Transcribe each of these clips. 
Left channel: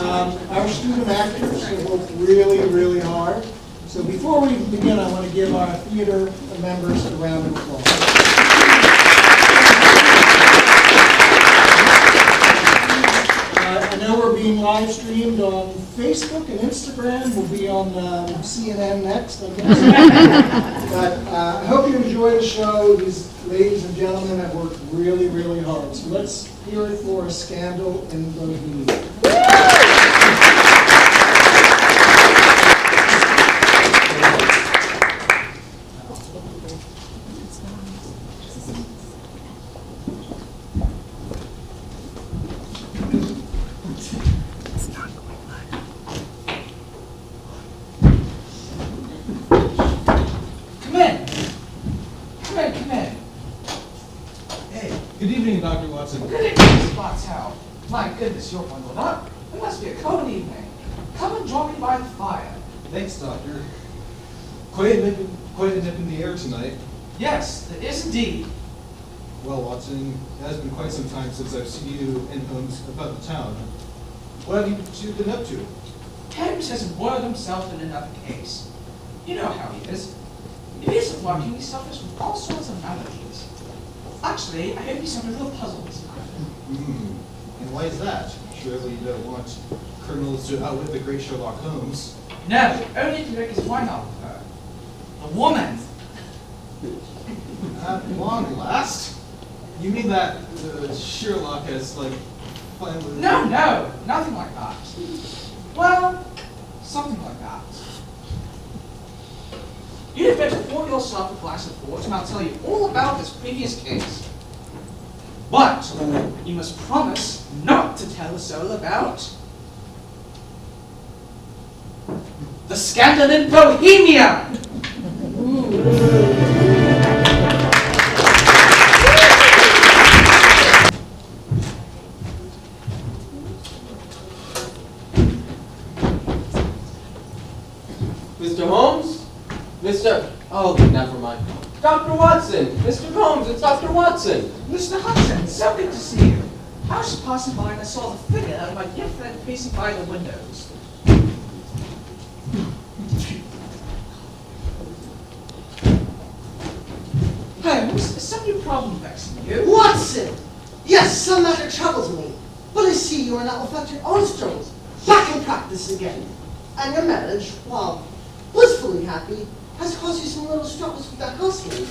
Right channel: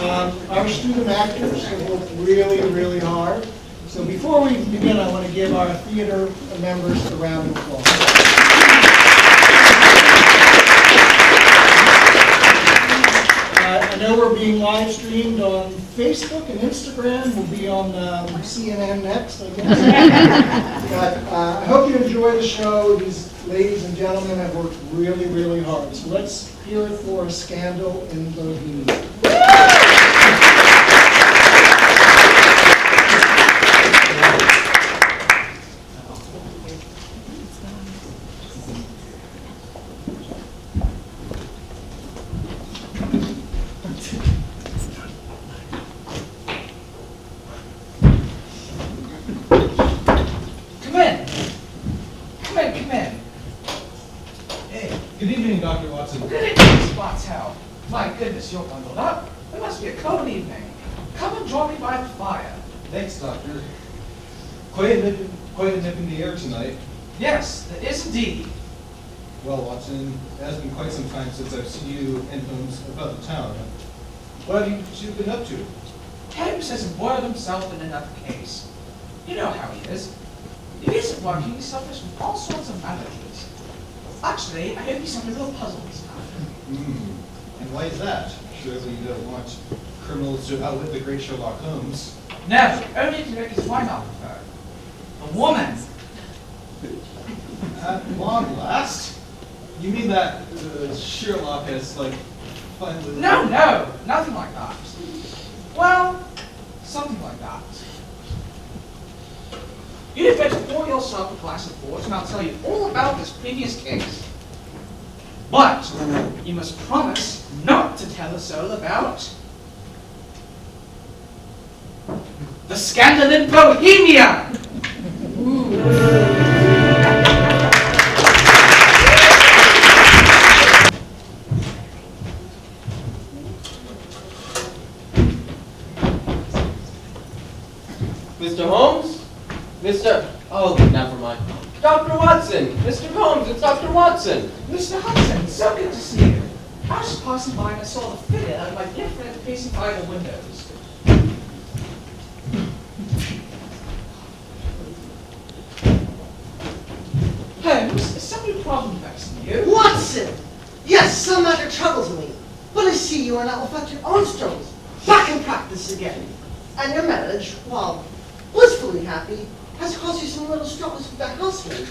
Our student actors have worked really, really hard. So before we begin, I want to give our theater members a round of applause. I know we're being live streamed on Facebook and Instagram. We'll be on CNN next, I guess. But I hope you enjoy the show. These ladies and gentlemen have worked really, really hard. So let's hear it for A Scandal in Bohemia. Dr. Watson. Good evening, Spotshow. My goodness, you're bundled up. It must be a cold evening. Come and join me by the fire. Thanks, Doctor. Quite a nip in the air tonight. Yes, there is indeed. Well, Watson, it has been quite some time since I've seen you and Holmes about the town. What have you two been up to? Holmes has embroiled himself in another case. You know how he is. If he isn't working, he suffers from all sorts of maladies. Actually, I hope he's having a little puzzle this time. And why is that? Surely you don't want criminals to outwit the great Sherlock Holmes. No, only if you make his mind out with her. A woman. At long last? You mean that Sherlock has, finally... No, nothing like that. Well, something like that. You'd better pour yourself a glass of port and I'll tell you all about this previous case. But you must promise not to tell us all about the scandal in Bohemia. Mr. Holmes? Oh, never mind. Dr. Watson! Mr. Holmes, it's Dr. Watson! Mr. Hudson, so good to see you. I was passing by and I saw the figure of my dear friend facing by the windows. Holmes, is some new problem vexing you? Watson! Yes, some matter troubles me. But I see you are now affect your own struggles. Back in practice again. And your marriage, while blissfully happy, has caused you some little struggles with that housemaid.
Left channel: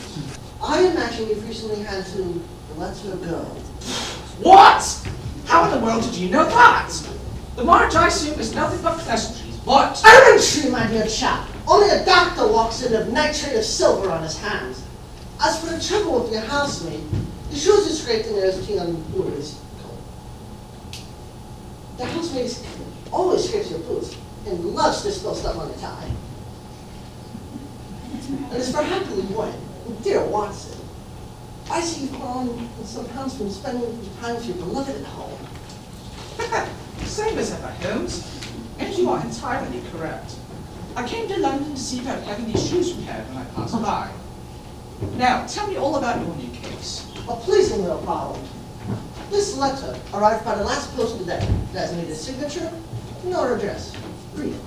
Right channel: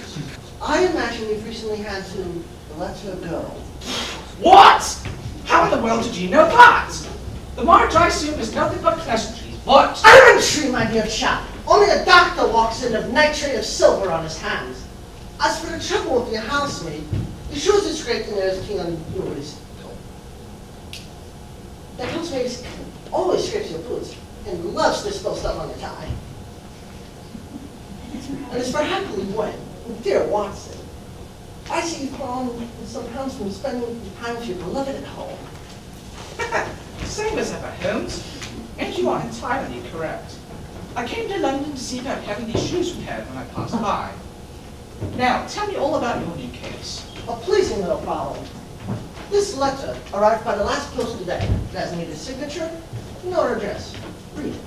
I imagine you've recently had to let her go. What? How in the world did you know that? The marriage, I assume, is nothing but pleasantries, but... Elementary, my dear chap. Only a doctor walks in of nitrate of silver on his hands. As for the trouble with your housemaid, the shoes are scraped and there's clean on boots. The housemaid always scrapes your boots and loves to spill stuff on the tie. And as for happily when, dear Watson, I see you've grown some pounds from spending time with your beloved at home. Same as ever, Holmes. And you are entirely correct. I came to London to see about having these shoes repaired when I passed by. Now, tell me all about your new case. A pleasing little problem. This letter arrived by the last post today. It has neither signature nor address. Read it.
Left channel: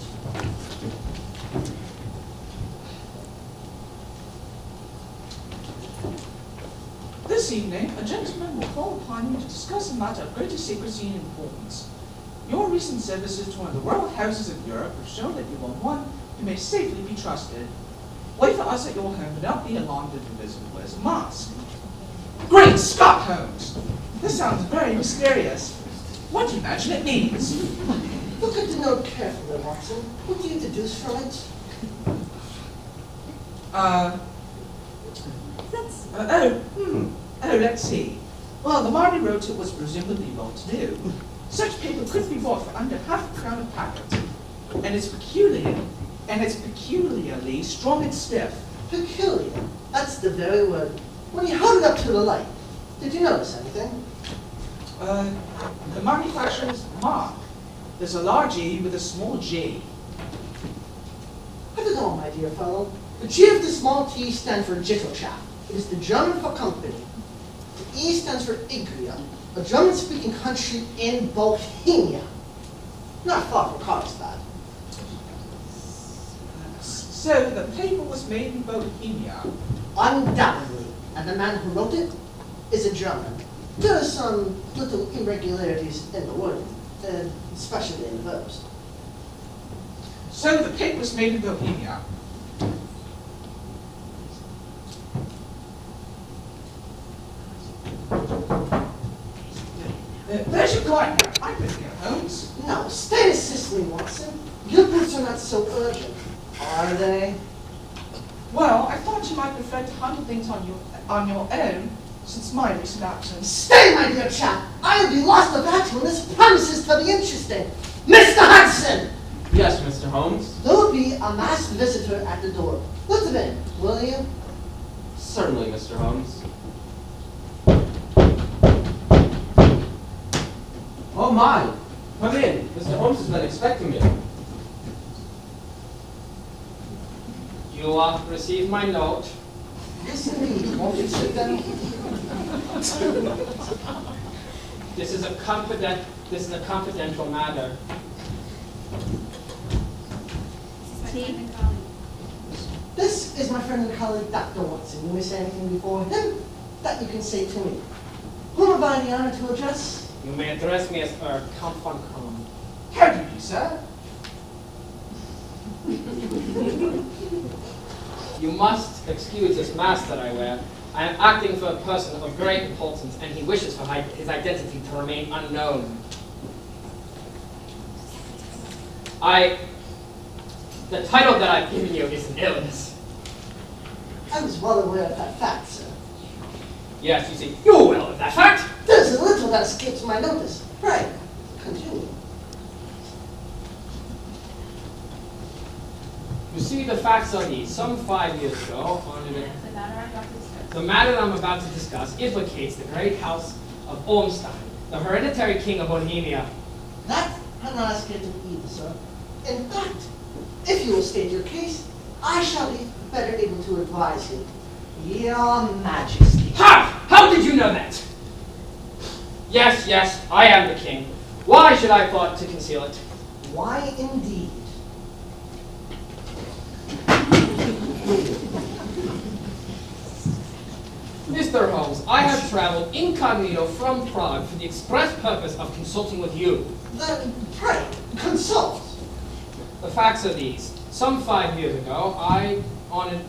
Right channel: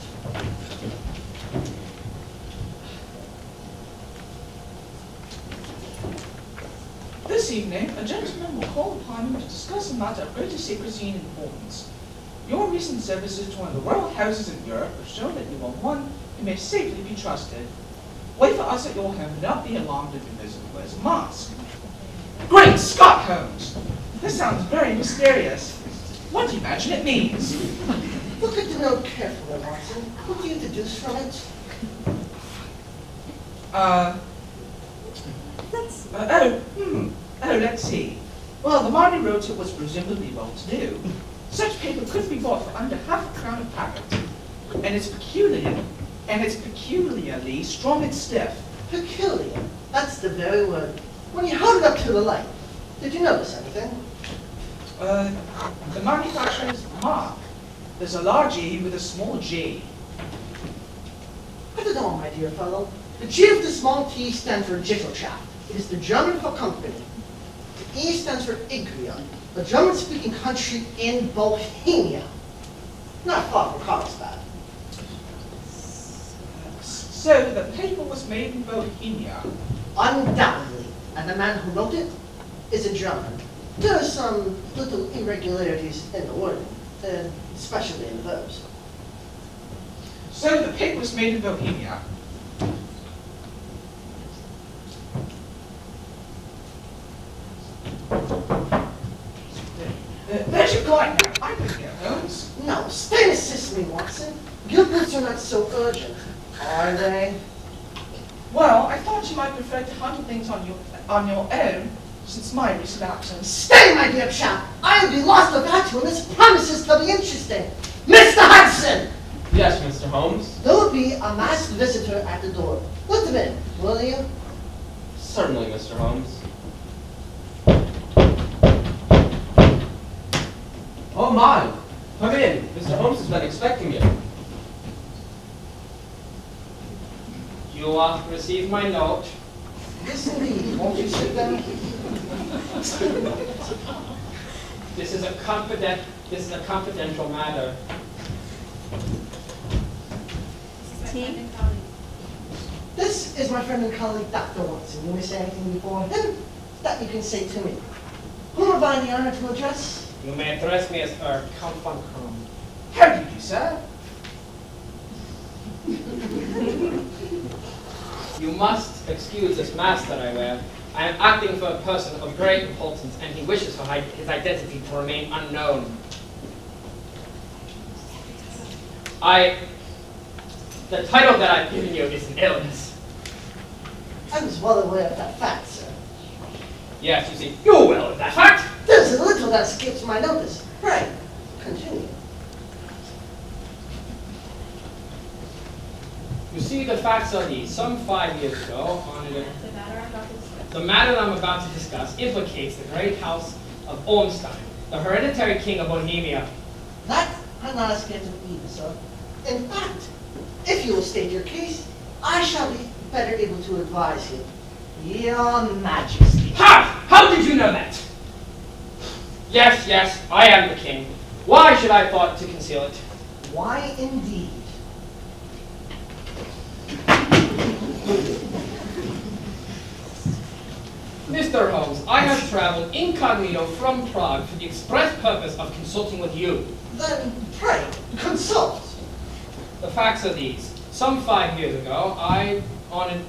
This evening, a gentleman will call upon you to discuss a matter of greater secrecy and importance. Your recent services to one of the royal houses in Europe have shown that you are one who may safely be trusted. Wait for us at your home and not be alarmed if your visitor wears a mask. Great Scott, Holmes! This sounds very mysterious. What do you imagine it means? Look at the note carefully, Watson. What do you deduce from it? Let's see. Well, the Marty wrote it was presumably well-to-do. Such paper could be bought for under half a crown a packet. And it's peculiarly strong and stiff. Peculiar. That's the very word. When you held it up to the light, did you notice anything? The manufacturer's mark. There's a large E with a small G. I don't know, my dear fellow. The G of the small t stands for Jitterschaft. It is the German for company. The E stands for Igria, a German-speaking country in Bohemia. not far from Carlsbad. So the paper was made in Bohemia. Undoubtedly, and the man who wrote it is a German. There are some little irregularities in the wording, especially in the verbs. So the paper was made in Bohemia. There's your card now. I could get Holmes. No, stay and assist me, Watson. Your books are not so urgent, are they? Well, I thought you might prefer to handle things on your own, since my recent absence. Stay, my dear chap. I'll be lost without you, and this promises to be interesting. Mr. Hudson! Yes, Mr. Holmes. There will be a masked visitor at the door. Let them in, will you? Certainly, Mr. Holmes. Oh my! Come in. Mr. Holmes has been expecting you. You received my note. Yes, indeed. Won't you sit down? This is a confidential matter. This is my friend and colleague, Dr. Watson. You may say anything before him that you can say to me. Whom have I the honor to address? You may address me as Count von Krum. How do you do, sir? You must excuse this mask that I wear. I am acting for a person of great importance, and he wishes for his identity to remain unknown. The title that I've given you is an illness. I was well aware of that fact, sir. Yes, you see, you're well of that fact. There's a little that escapes my notice. Pray, continue. You see, the facts are these. Some 5 years ago, the matter that I'm about to discuss implicates the great house of Ormstein, the hereditary king of Bohemia. That has not escaped me either, sir. In fact, if you will state your case, I shall be better able to advise you. Your Majesty. Ha! How did you know that? Yes, yes, I am the king. Why should I thought to conceal it? Why indeed? Mr. Holmes, I have traveled incognito from Prague for the express purpose of consulting with you. Then pray, consult. The facts are these. Some 5 years ago, I, on an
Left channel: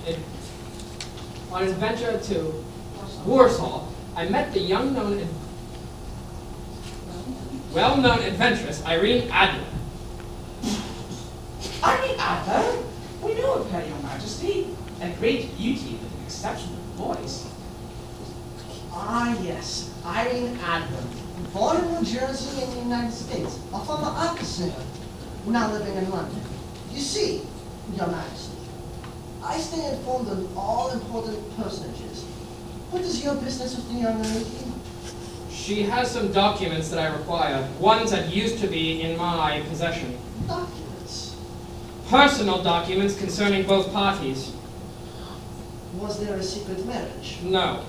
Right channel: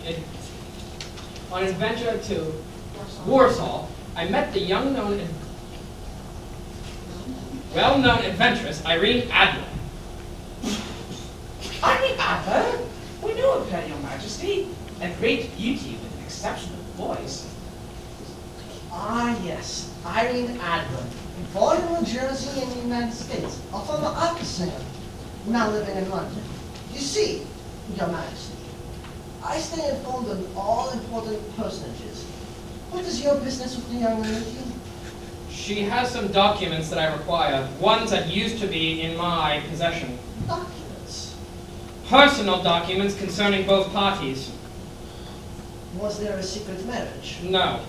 adventure to Warsaw, I met the well-known adventuress Irene Adler. Irene Adler? We know of her, Your Majesty. A great beauty with an exceptional voice. Ah, yes, Irene Adler. Born in New Jersey in the United States, a former opera singer, now living in London. You see, Your Majesty, I stay informed of all important personages. What is your business with the young lady? She has some documents that I require, ones that used to be in my possession. Documents. Personal documents concerning both parties. Was there a secret marriage? No,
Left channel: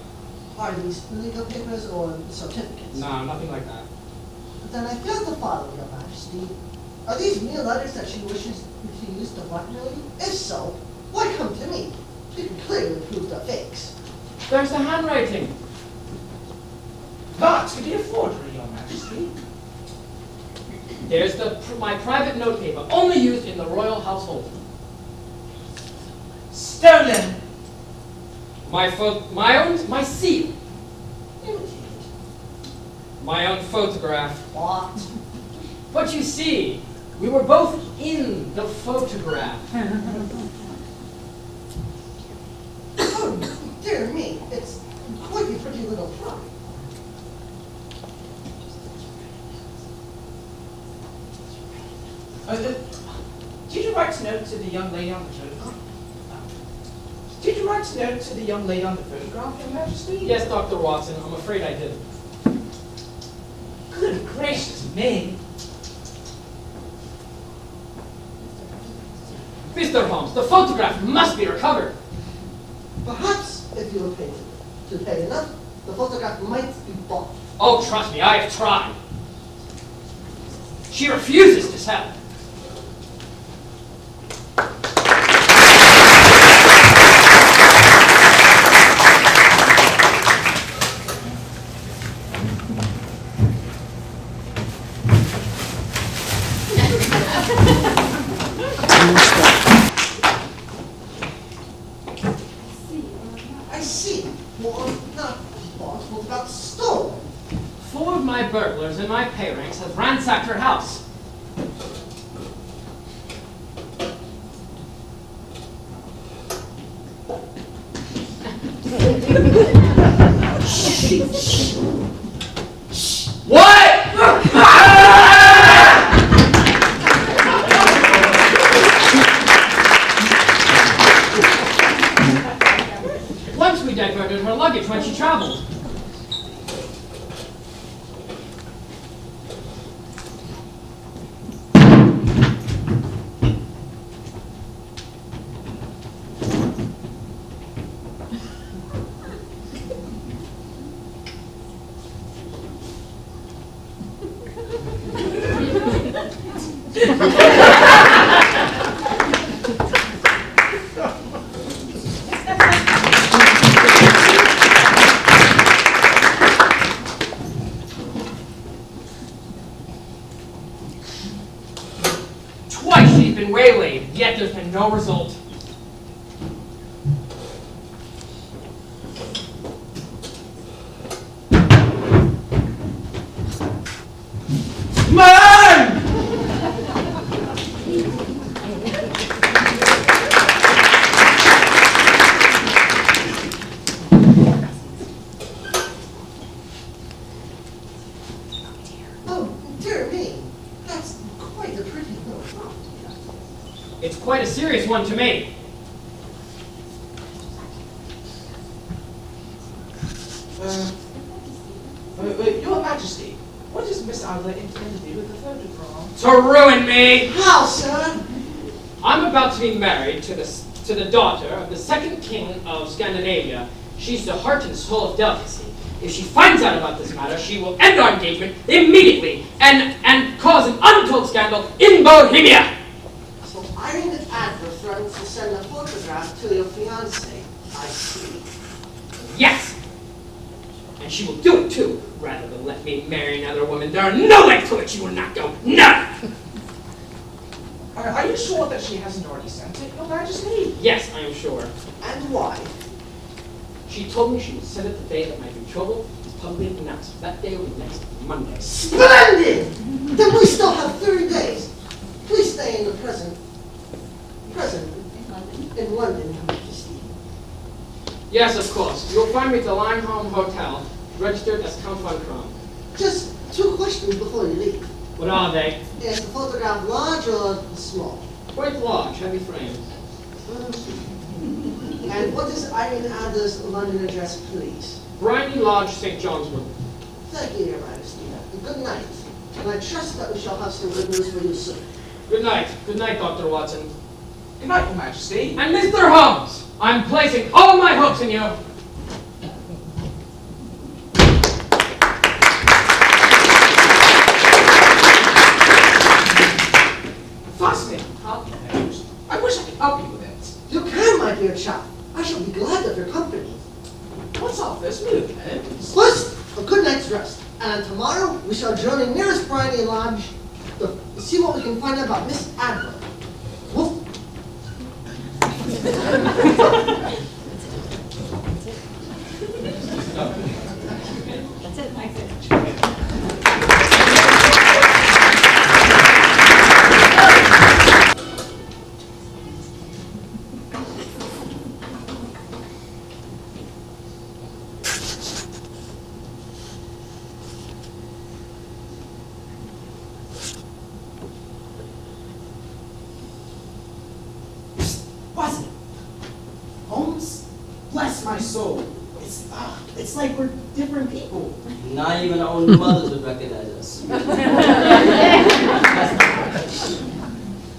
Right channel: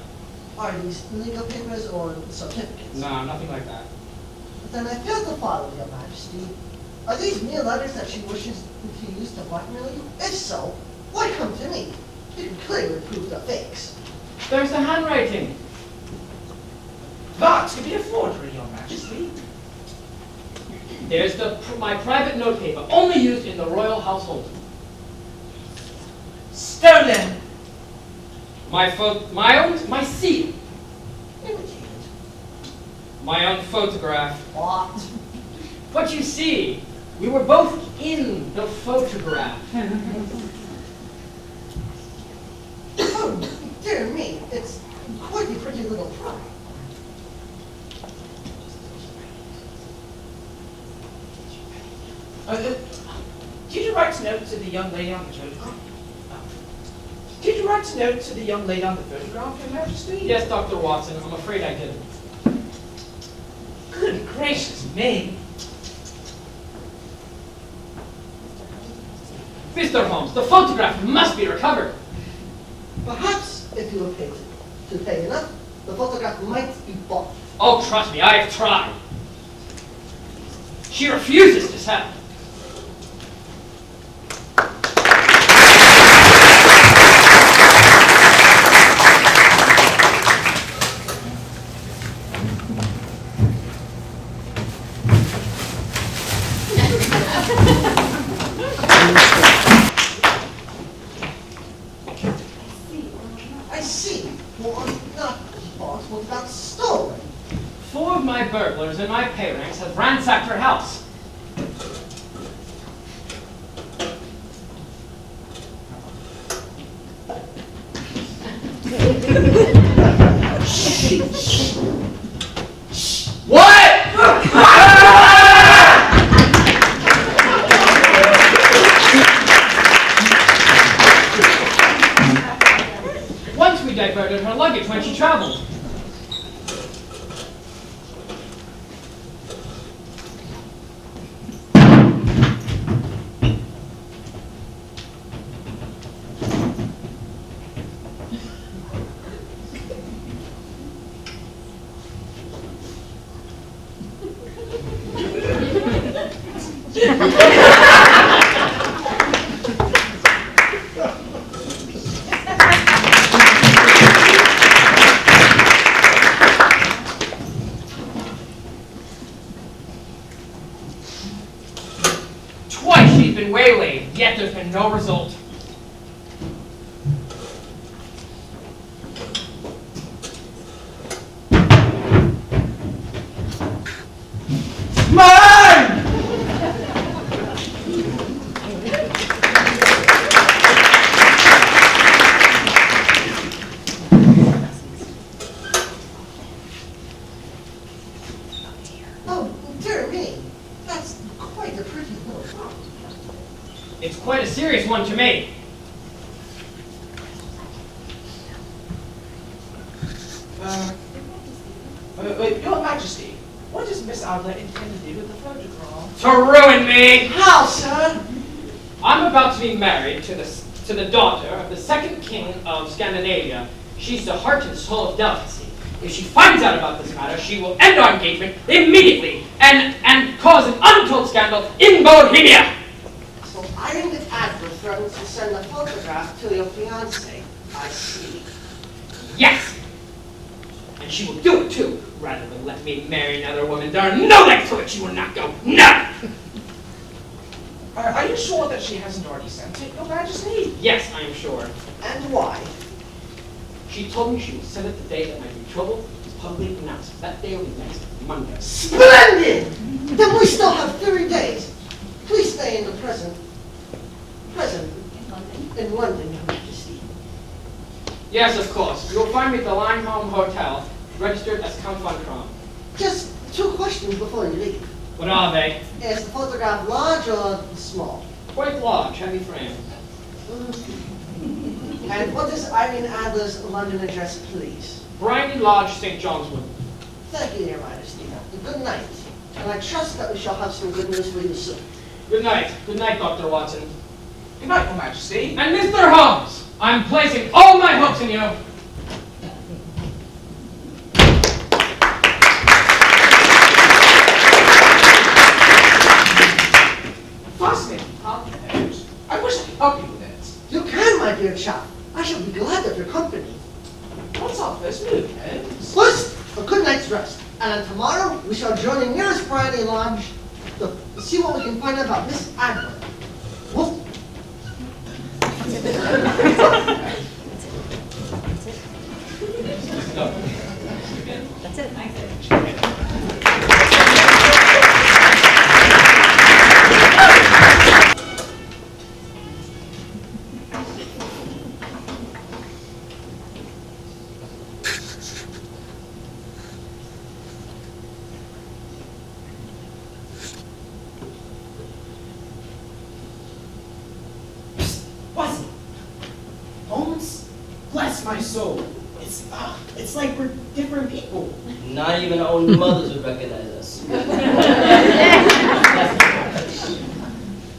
Are these legal papers or certificates? no, nothing like that. Then I fail to follow, Your Majesty. Are these mere letters that she wishes to use to blackmail you? If so, why come to me? You can clearly prove they're fakes. There's the handwriting. That could be a forgery, Your Majesty. There's my private notepaper, only used in the royal household. Stolen. My seal. Imitated. My own photograph. What? But you see, we were both in the photograph. Oh, dear me, it's quite a pretty little fry. Did you write a note to the young lady on the photograph? Did you write a note to the young lady on the photograph, Your Majesty? Yes, Dr. Watson, I'm afraid I didn't. Good gracious me. Mr. Holmes, the photograph must be recovered. Perhaps, if you were paid to pay enough, the photograph might be bought. Oh, trust me, I have tried. She refuses to sell. I see. Well, not bought, what about stolen? 4 of my burglars in my pay ranks have ransacked her house. What? Once we diverted her luggage when she traveled. Twice she's been waylaid, yet there's been no result. Mine! Oh, dear me. That's quite a pretty note. It's quite a serious one to me. Your Majesty, what does Miss Adler intend to do with the photograph? To ruin me! How, sir? I'm about to be married to the daughter of the second king of Scandinavia. She's the heart and soul of delicacy. If she finds out about this matter, she will end our engagement immediately and cause an untold scandal in Bohemia. So Irene Adler threatens to send a photograph to your fiancé. I see. Yes! And she will do it too, rather than let me marry another woman. There are no lengths to it she will not go. None! Are you sure that she hasn't already sent it, Your Majesty? Yes, I am sure. And why? She told me she would send it the day that my betrothal is publicly announced. That day will be next Monday. Splendid! Then we still have 30 days. Please stay in the present in London, Your Majesty. Yes, of course. You will find me at the Lineholm Hotel, registered as Count von Kron. Just 2 questions before you leave. What are they? Is the photograph large or small? Quite large, heavy frames. And what is Irene Adler's London address, please? Briney Lodge, St. John's Wood. Thank you, Your Majesty. Good night. And I trust that we shall have some good news for you soon. Good night. Good night, Dr. Watson. Good night, Your Majesty. And Mr. Holmes, I'm placing all my hopes in you. Fascinating. I wish I could help you with it. You can, my dear chap. I shall be glad of your company. What's our first move, Holmes? First, a good night's rest. And then tomorrow, we shall journey nearest Briney Lodge to see what we can find out about Miss Adler. Woof. That's it. Wasn't it? Holmes? Bless my soul. It's like we're different people. Not even our own mothers would recognize us.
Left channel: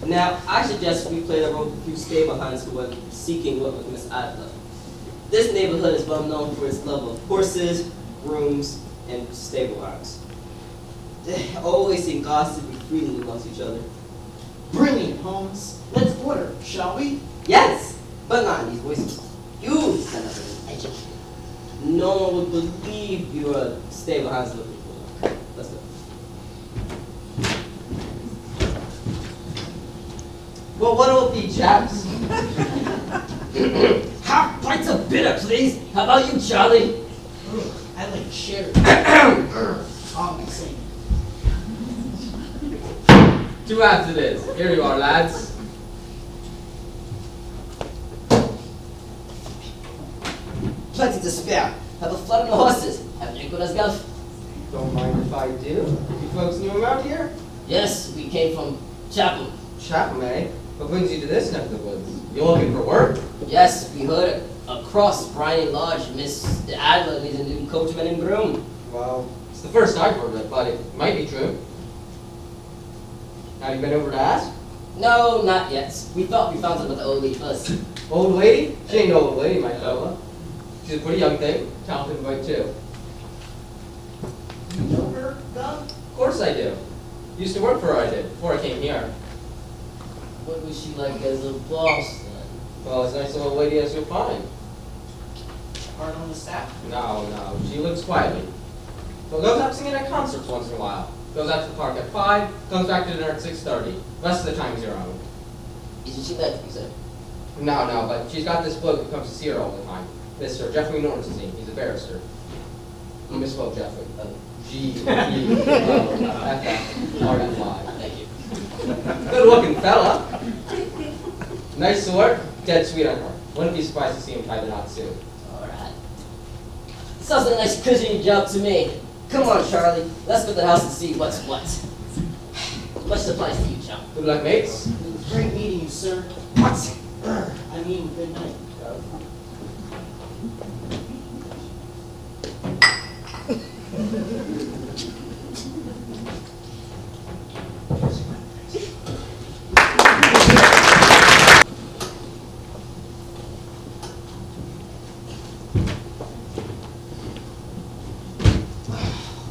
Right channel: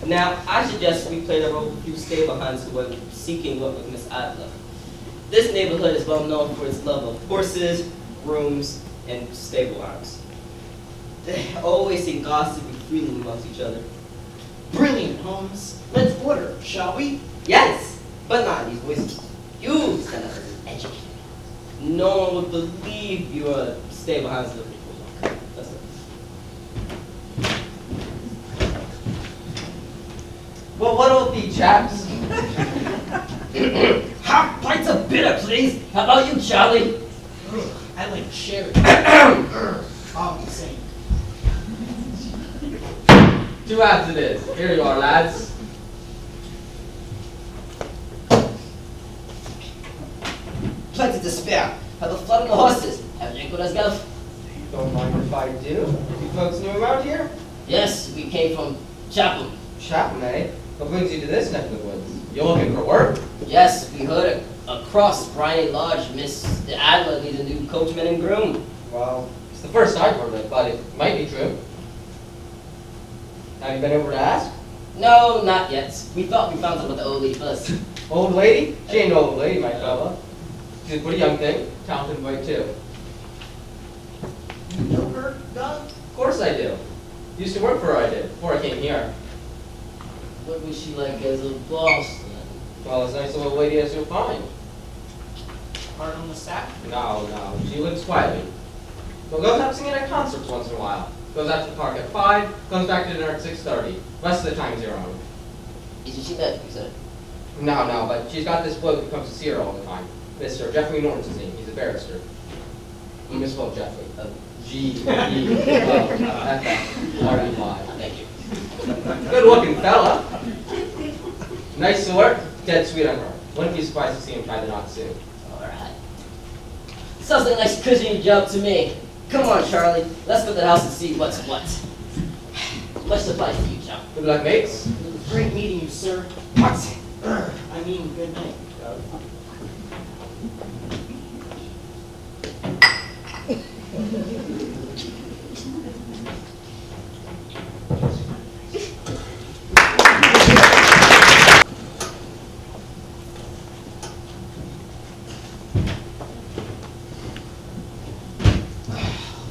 Now, I suggest we play the role of a few stay-behinds who are seeking work with Miss Adler. This neighborhood is well known for its love of horses, grooms, and stable arms. They always seem gossipy freely amongst each other. Brilliant, Holmes. Let's order, shall we? Yes, but not in these voices. You stand out as educated. No one would believe you are stay behind looking for one. Let's go. Well, what'll it be, chaps? Half pints of bitter, please. How about you, Charlie? I like sherry. I'll be saying. 2 halves it is. Here you are, lads. Plenty to spare. Have a flood on the horses. Have a drink with us, Guff? Don't mind if I do. You folks new around here? Yes, we came from Chapel. Chatham, eh? What brings you to this neck of the woods? You looking for work? Yes, we heard across Bryan Lodge, Mr. Adler needs a new coachman and groom. Well, it's the first I've heard of it, but it might be true. Have you been over to ask? No, not yet. We thought we found out about the old lady first. Old lady? She ain't no old lady, my fella. She's a pretty young thing. Talented and white, too. You know her, Guff? Of course I do. Used to work for her, I did, before I came here. What was she like as a boss then? Well, as nice a little lady as you'll find. Hard on the staff? No, she lives quietly. But goes out singing at concerts once in a while. Goes out to the park at 5, comes back to dinner at 6:30. Rest of the time is your own. Isn't she mad, you said? No, but she's got this bloke who comes to see her all the time. Mr. Jeffrey Norton's his name. He's a barrister. You misspelled Jeffrey. G-E-F-F-R-E-Y. Thank you. Good looking fella. Nice sort, dead sweet on her. Wouldn't be surprised to see him tie the knot soon. Alright. Sounds like a nice cushy job to me. Come on, Charlie. Let's go to the house and see what's what. Much supplies for you, John. Good luck, mates. It's great meeting you, sir. What? I mean, good night, Guff.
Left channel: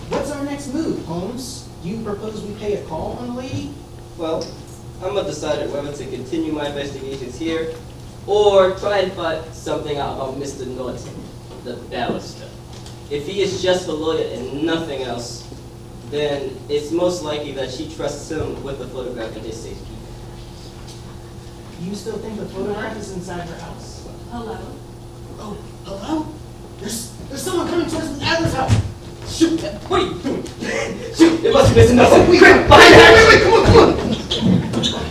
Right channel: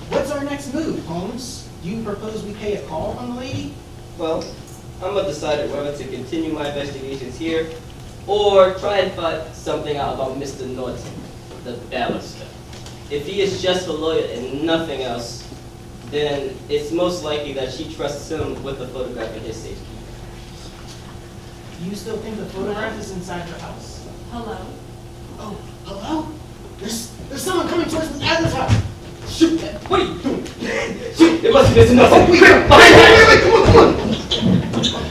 What's our next move, Holmes? Do you propose we pay a call on the lady? Well, I'm undecided whether to continue my investigations here or try and find something out about Mr. Norton, the barrister. If he is just a lawyer and nothing else, then it's most likely that she trusts him with the photograph in his safekeeping. You still think the photograph is inside her house? Hello? Oh, hello? There's someone coming towards the Adler's house. Shoot! What are you doing? Shoot! It must be Mr. Nelson. Wait, Quick, behind that! come on.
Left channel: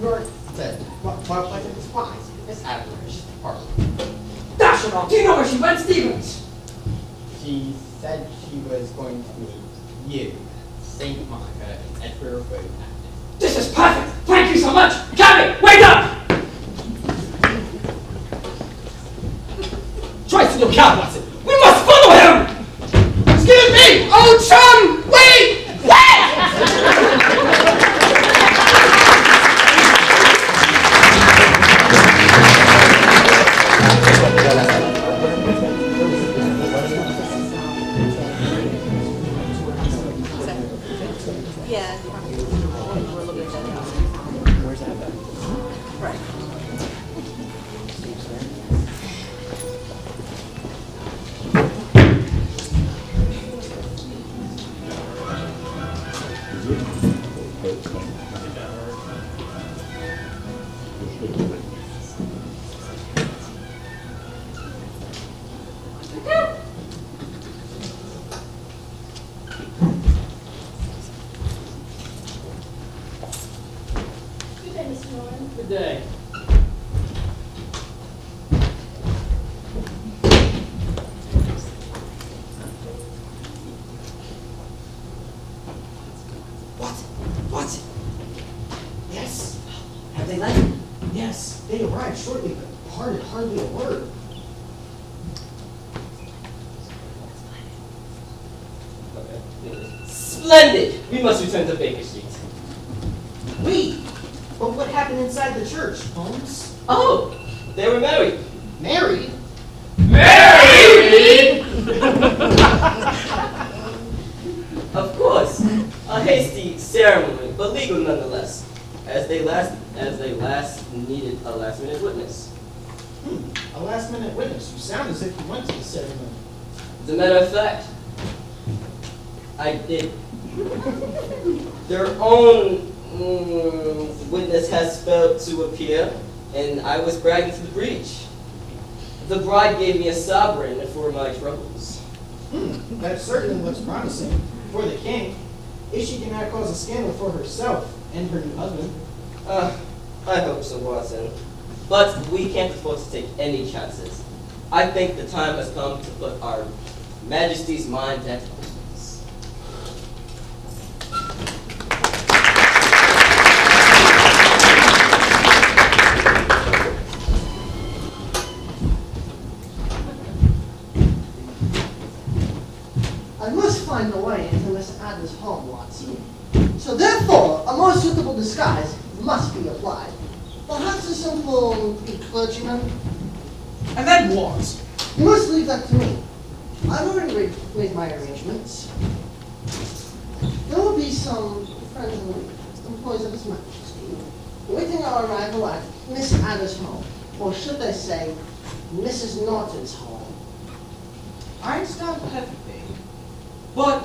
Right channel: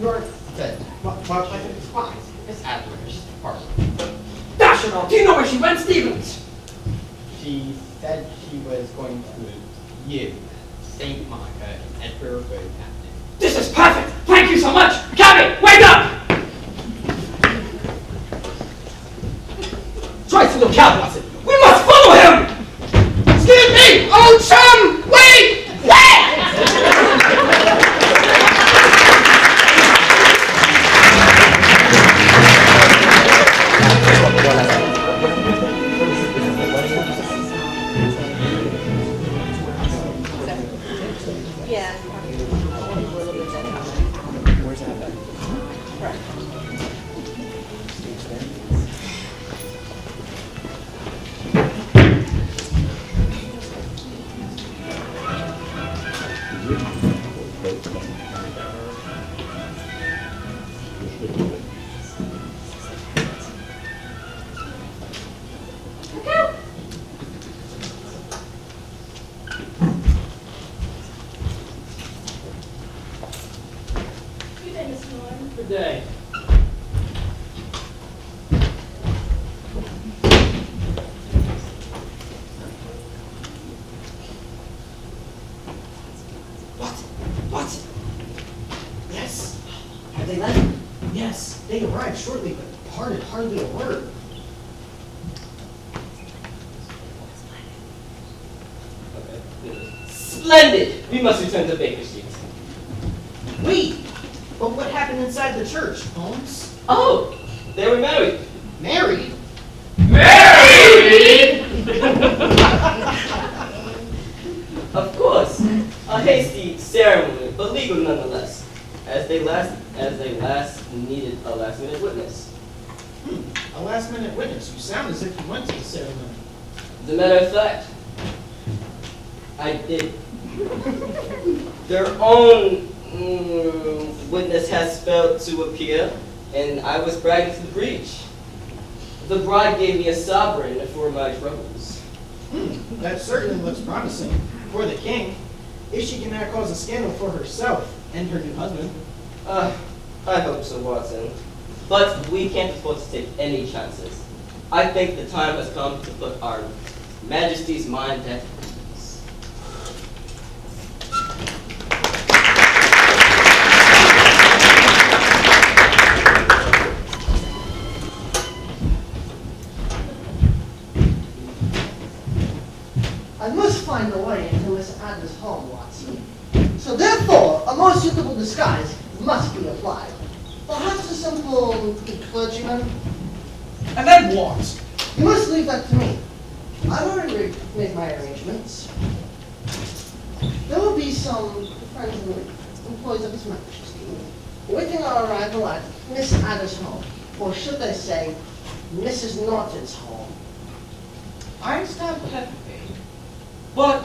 You're dead. What is fine? Miss Adler is just a partner. Dash it all! Do you know where she went, Stevens? She said she was going to meet you, St. Monica, and Edinburgh Road Captain. This is perfect! Thank you so much! Cabby, wake up! Try to look out, Watson! We must follow him! Excuse me! Oh, chum! Wait! Yeah. Good day, Mr. Norton. Good day. What? Yes. Have they left? Yes, they arrived shortly, but parted hardly a word. Splendid! We must return to Baker Street. Wait, but what happened inside the church, Holmes? Oh, they were married. Married? Married! Of course, a hasty ceremony, but legal nonetheless, as they last needed a last-minute witness. A last-minute witness. You sound as if you went to the ceremony. As a matter of fact, I did. Their own witness has failed to appear, and I was bragging to the breach. The bride gave me a sovereign for my troubles. That certainly looks promising for the king. If she cannot cause a scandal for herself and her new husband. I hope so, Watson. But we can't afford to take any chances. I think the time has come to put our Majesty's mind at ease. I must find a way into Miss Adams' home, Watson. So therefore, a more suitable disguise must be applied. Perhaps a simple clergyman. And then what? You must leave that to me. I've already made my arrangements. There will be some friends and employees of His Majesty waiting our arrival at Miss Anna's home, or should I say, Mrs. Norton's home. I understand perfectly. But,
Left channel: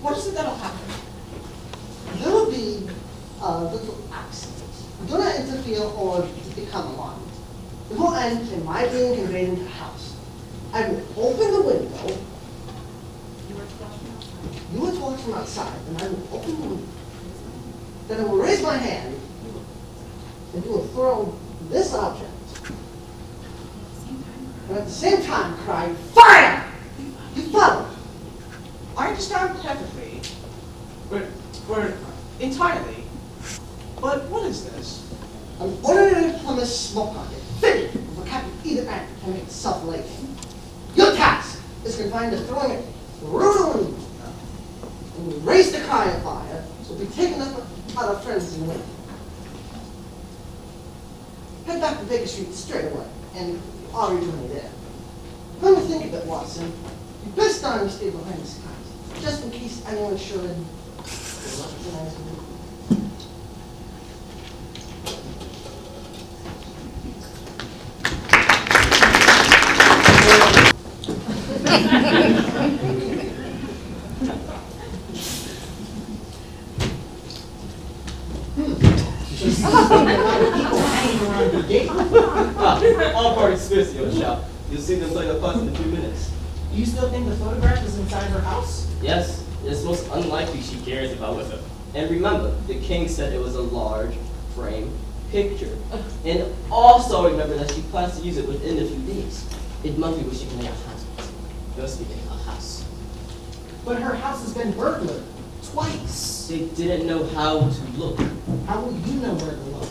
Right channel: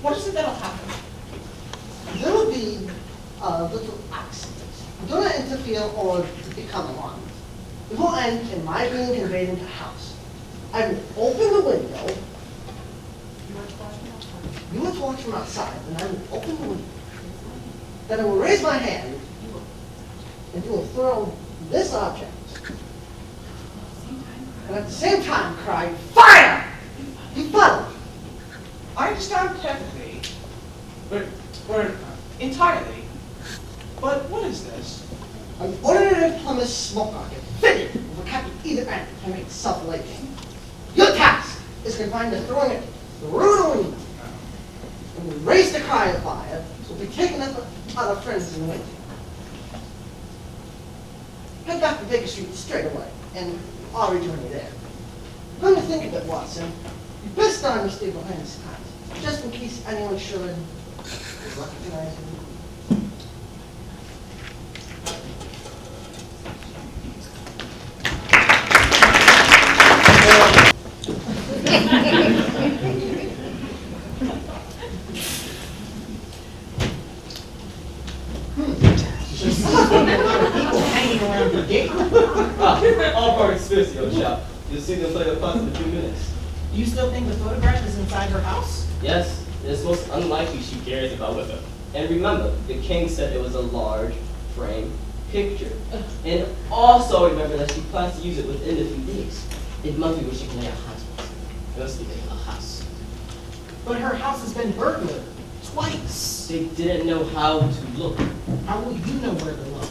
what is it that'll happen? There will be a little accident. Do not interfere or become alarmed. It will end in my being conveyed into the house. I will open the window. You will watch from outside, and I will open the window. Then I will raise my hand, and you will throw this object. And at the same time cry, "Fire!" You follow. I understand perfectly. Or entirely. But what is this? An ordinary plumber's smoke rocket, fitted with a cap at either end to make it self-lighting. Your task is confined to throwing it through the window. When we raise the cry of fire, it will be taken up by our friends in the window. Head back to Baker Street straight away, and I'll rejoin you there. Come to think of it, Watson, you best darn me stay behind the scenes, just in case anyone should recognize me. There's a lot of people hanging around the gate. All parties busy, old chap. You'll see them play a putt in a few minutes. Do you still think the photograph is inside her house? Yes, it's most unlikely she carries it about with her. And remember, the king said it was a large frame picture. And also remember that she plans to use it within a few days. It must be where she can lay a hands on it. It must be in her house. But her house has been burglared twice. They didn't know how to look. How will you know where to look?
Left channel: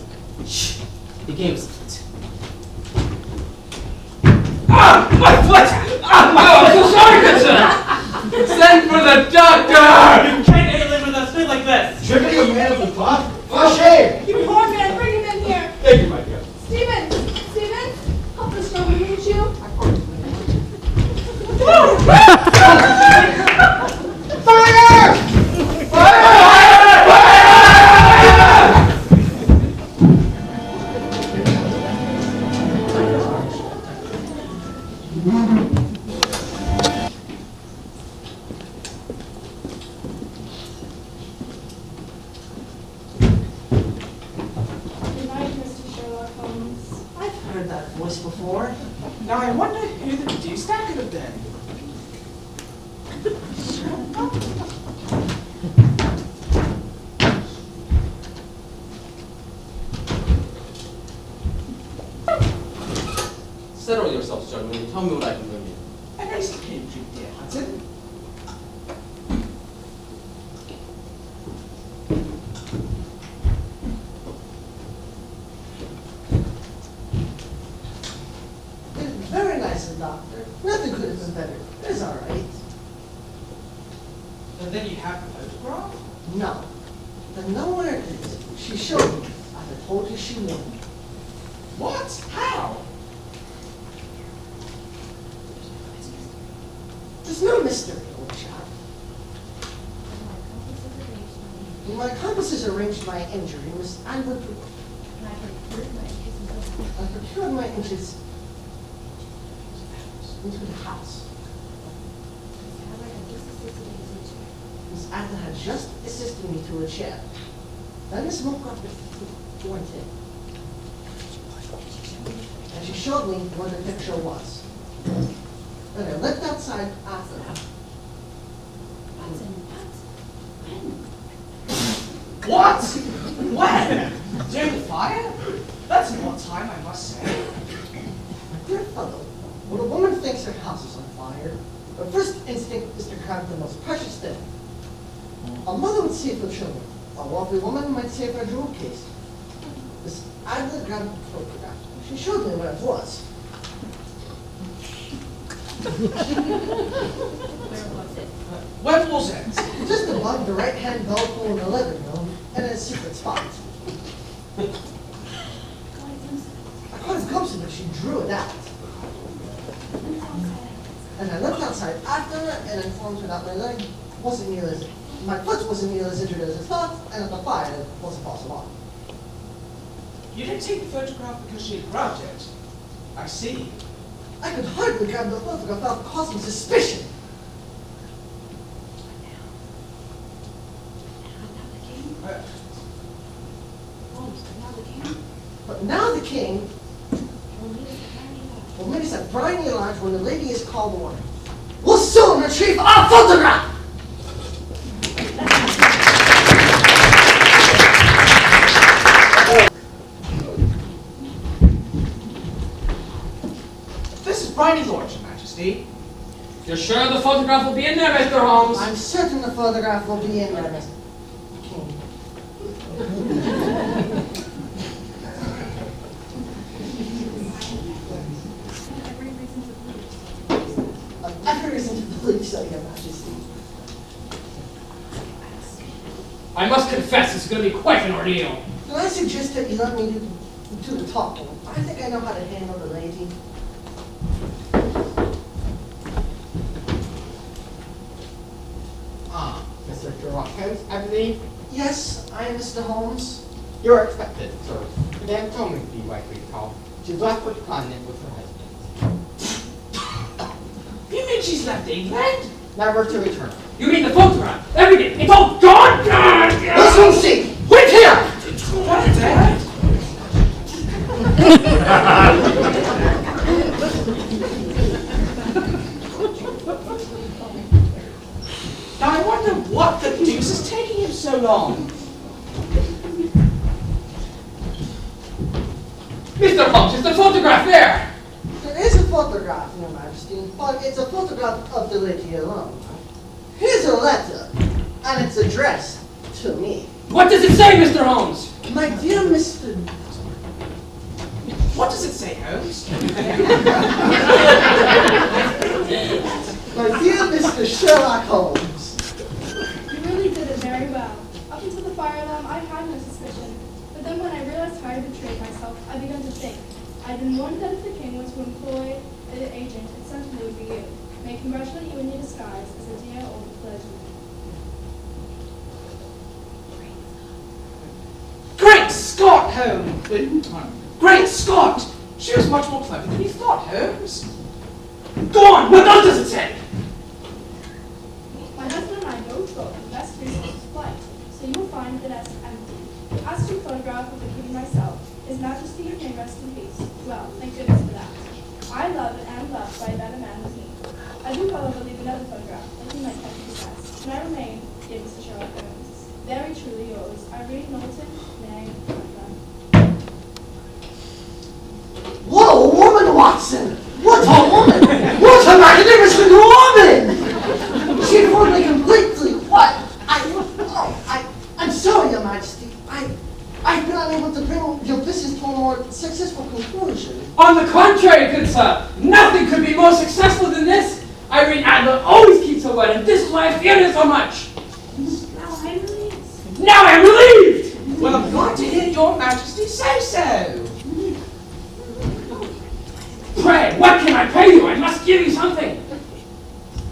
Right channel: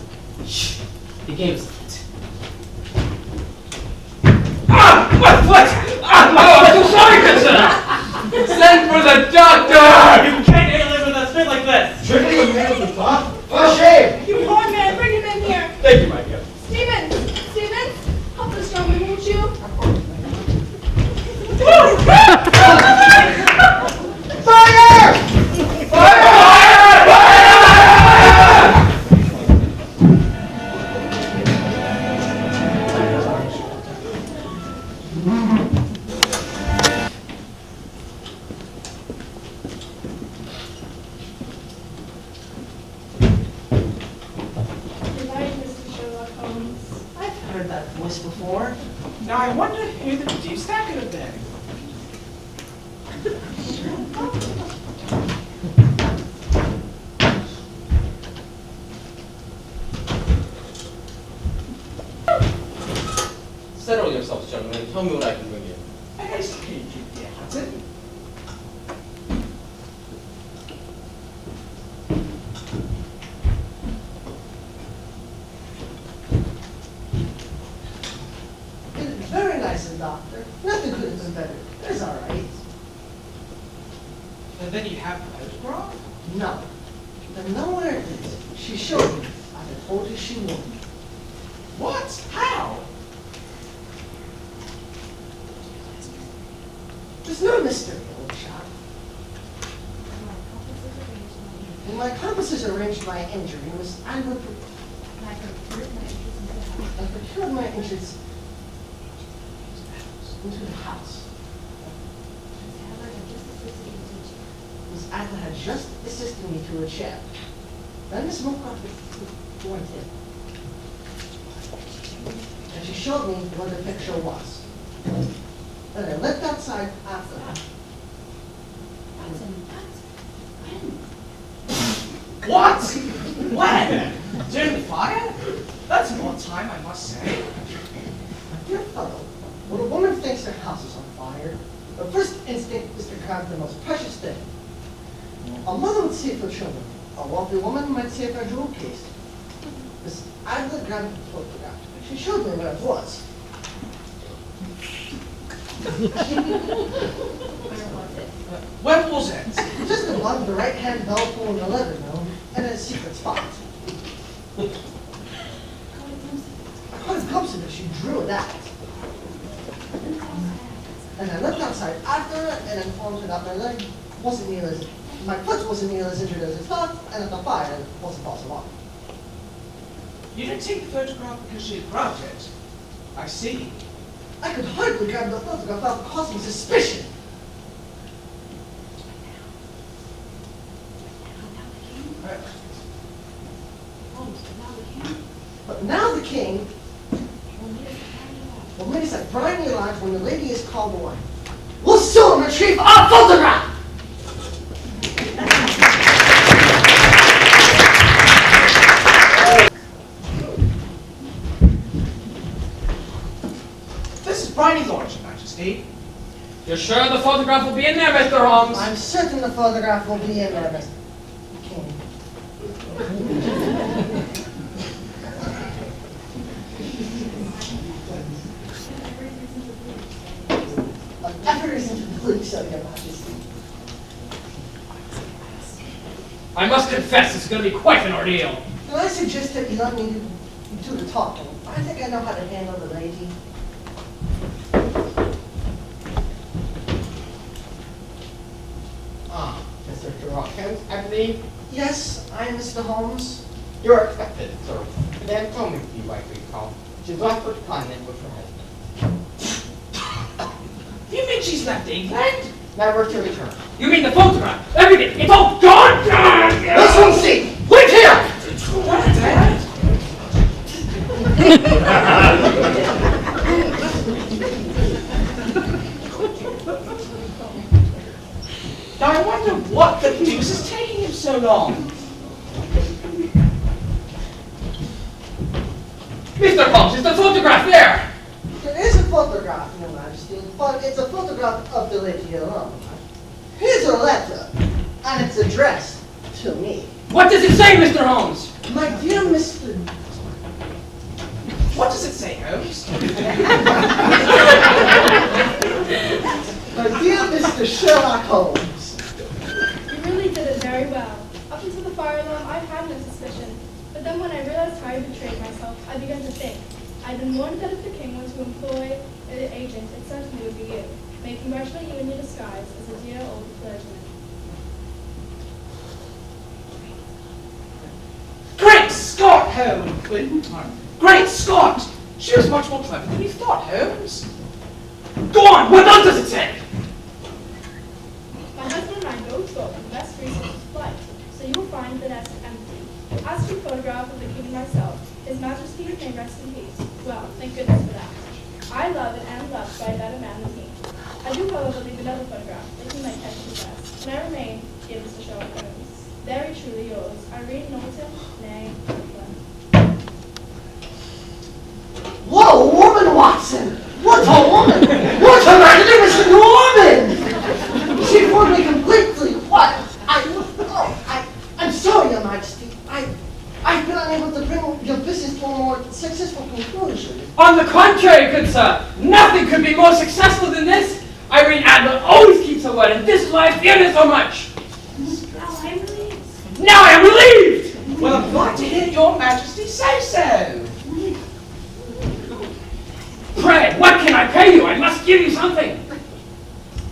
Shh, the game is afoot. Ah! My foot! Ah! Oh, I'm so sorry, good sir! Send for the doctor! You can't get live with a fit like this! Tripping a man at the top? For shame! You poor man, bring him in here. Thank you, my dear. Stevens, Stevens, help this gentleman, won't you? Fire! Goodbye, Mr. Sherlock Holmes. I've heard that voice before. Now I wonder who the deuce that could have been. Settle yourselves, gentlemen, and tell me what I can bring you. A nice to meet you, dear Hudson. Very nice of the doctor. Nothing could have been better. It's all right. then you have the photograph? No. Then nowhere it is. She showed me. As I told you she would. What? How? There's no mystery, old chap. When my compasses arranged my injury, Miss Anne I procured my interest into the house. Miss Adler had just assisted me to a chair. Then Miss Moorcroft went in. And she showed me what the picture was. And I left outside after her. What? When? During the fire? That's an odd time, I must say. My dear fellow, when a woman thinks her house is on fire, her first instinct is to grab the most precious thing. A mother would save her children. A wealthy woman might save her jewel case. Miss Adler grabbed the photograph. She showed me where it was. Where was it? Just above the right-hand bell pull in the living room, and in a secret spot. I caught a glimpse of it. She drew it out. And I looked outside after her and informed her that my leg wasn't nearly as my foot wasn't nearly as injured as I thought, and that the fire wasn't possible. You didn't take the photograph because she had grabbed it. I see. I could hardly grab the photograph without causing suspicion. But now the king will meet us at Briny Lodge when the lady is called away. We'll soon retrieve our photograph! This is Briny Lodge, Your Majesty. You're sure the photograph will be in there, Mr. Holmes? I'm certain the photograph will be in there, Mr. King. Every reason to believe so, Your Majesty. I must confess, it's going to be quite an ordeal. Can I suggest that you let me do the talking? I think I know how to handle the lady. Mr. Sherlock Holmes, I believe. Yes, I am Mr. Holmes. You're expected, sir. Madame told me to be what we call. She's left for the continent with her husband. You mean she's left England? Never to return. You mean the photograph? Everything? It's all gone? Let's go see! Wait here! What, Dad? Now I wonder what the deuce is taking him so long. Mr. Holmes, is the photograph there? There is a photograph, Your Majesty, but it's a photograph of the lady alone. Here's a letter, and it's addressed to me. What does it say, Mr. Holmes? My dear Mr. What does it say, Holmes? My dear Mr. Sherlock Holmes. You really did it very well. Up until the fire alarm, I had no suspicion. But then when I realized how I betrayed myself, I began to think. I'd been warned that if the king were to employ an agent, it certainly would be you. May I congratulate you in your disguise as a dear old clergyman. Great Scott, Holmes! Great Scott! She was much more clever than you thought, Holmes. Go on, what else does it say? My husband and I both thought the best reason was flight, so you will find the nest empty. As to the photograph of the king and myself, His Majesty may rest in peace. Well, thank goodness for that. I love and am loved by a better man than he. I do, however, leave another photograph, that he might catch his best. And I remain, dear Mr. Sherlock Holmes, very truly yours, Irene Knowlton, née Franklin. What a woman, Watson! What a woman! What a magnificent woman! She fooled me completely. What? I'm sorry, Your Majesty. I've been unable to bring your business to a more successful conclusion. On the contrary, good sir, nothing could be more successful than this. Irene Adler always keeps her word, and this is why I fear her so much. Now I am relieved! Well, I'm glad to hear your majesty say so. Pray, what can I pay you? I must give you something.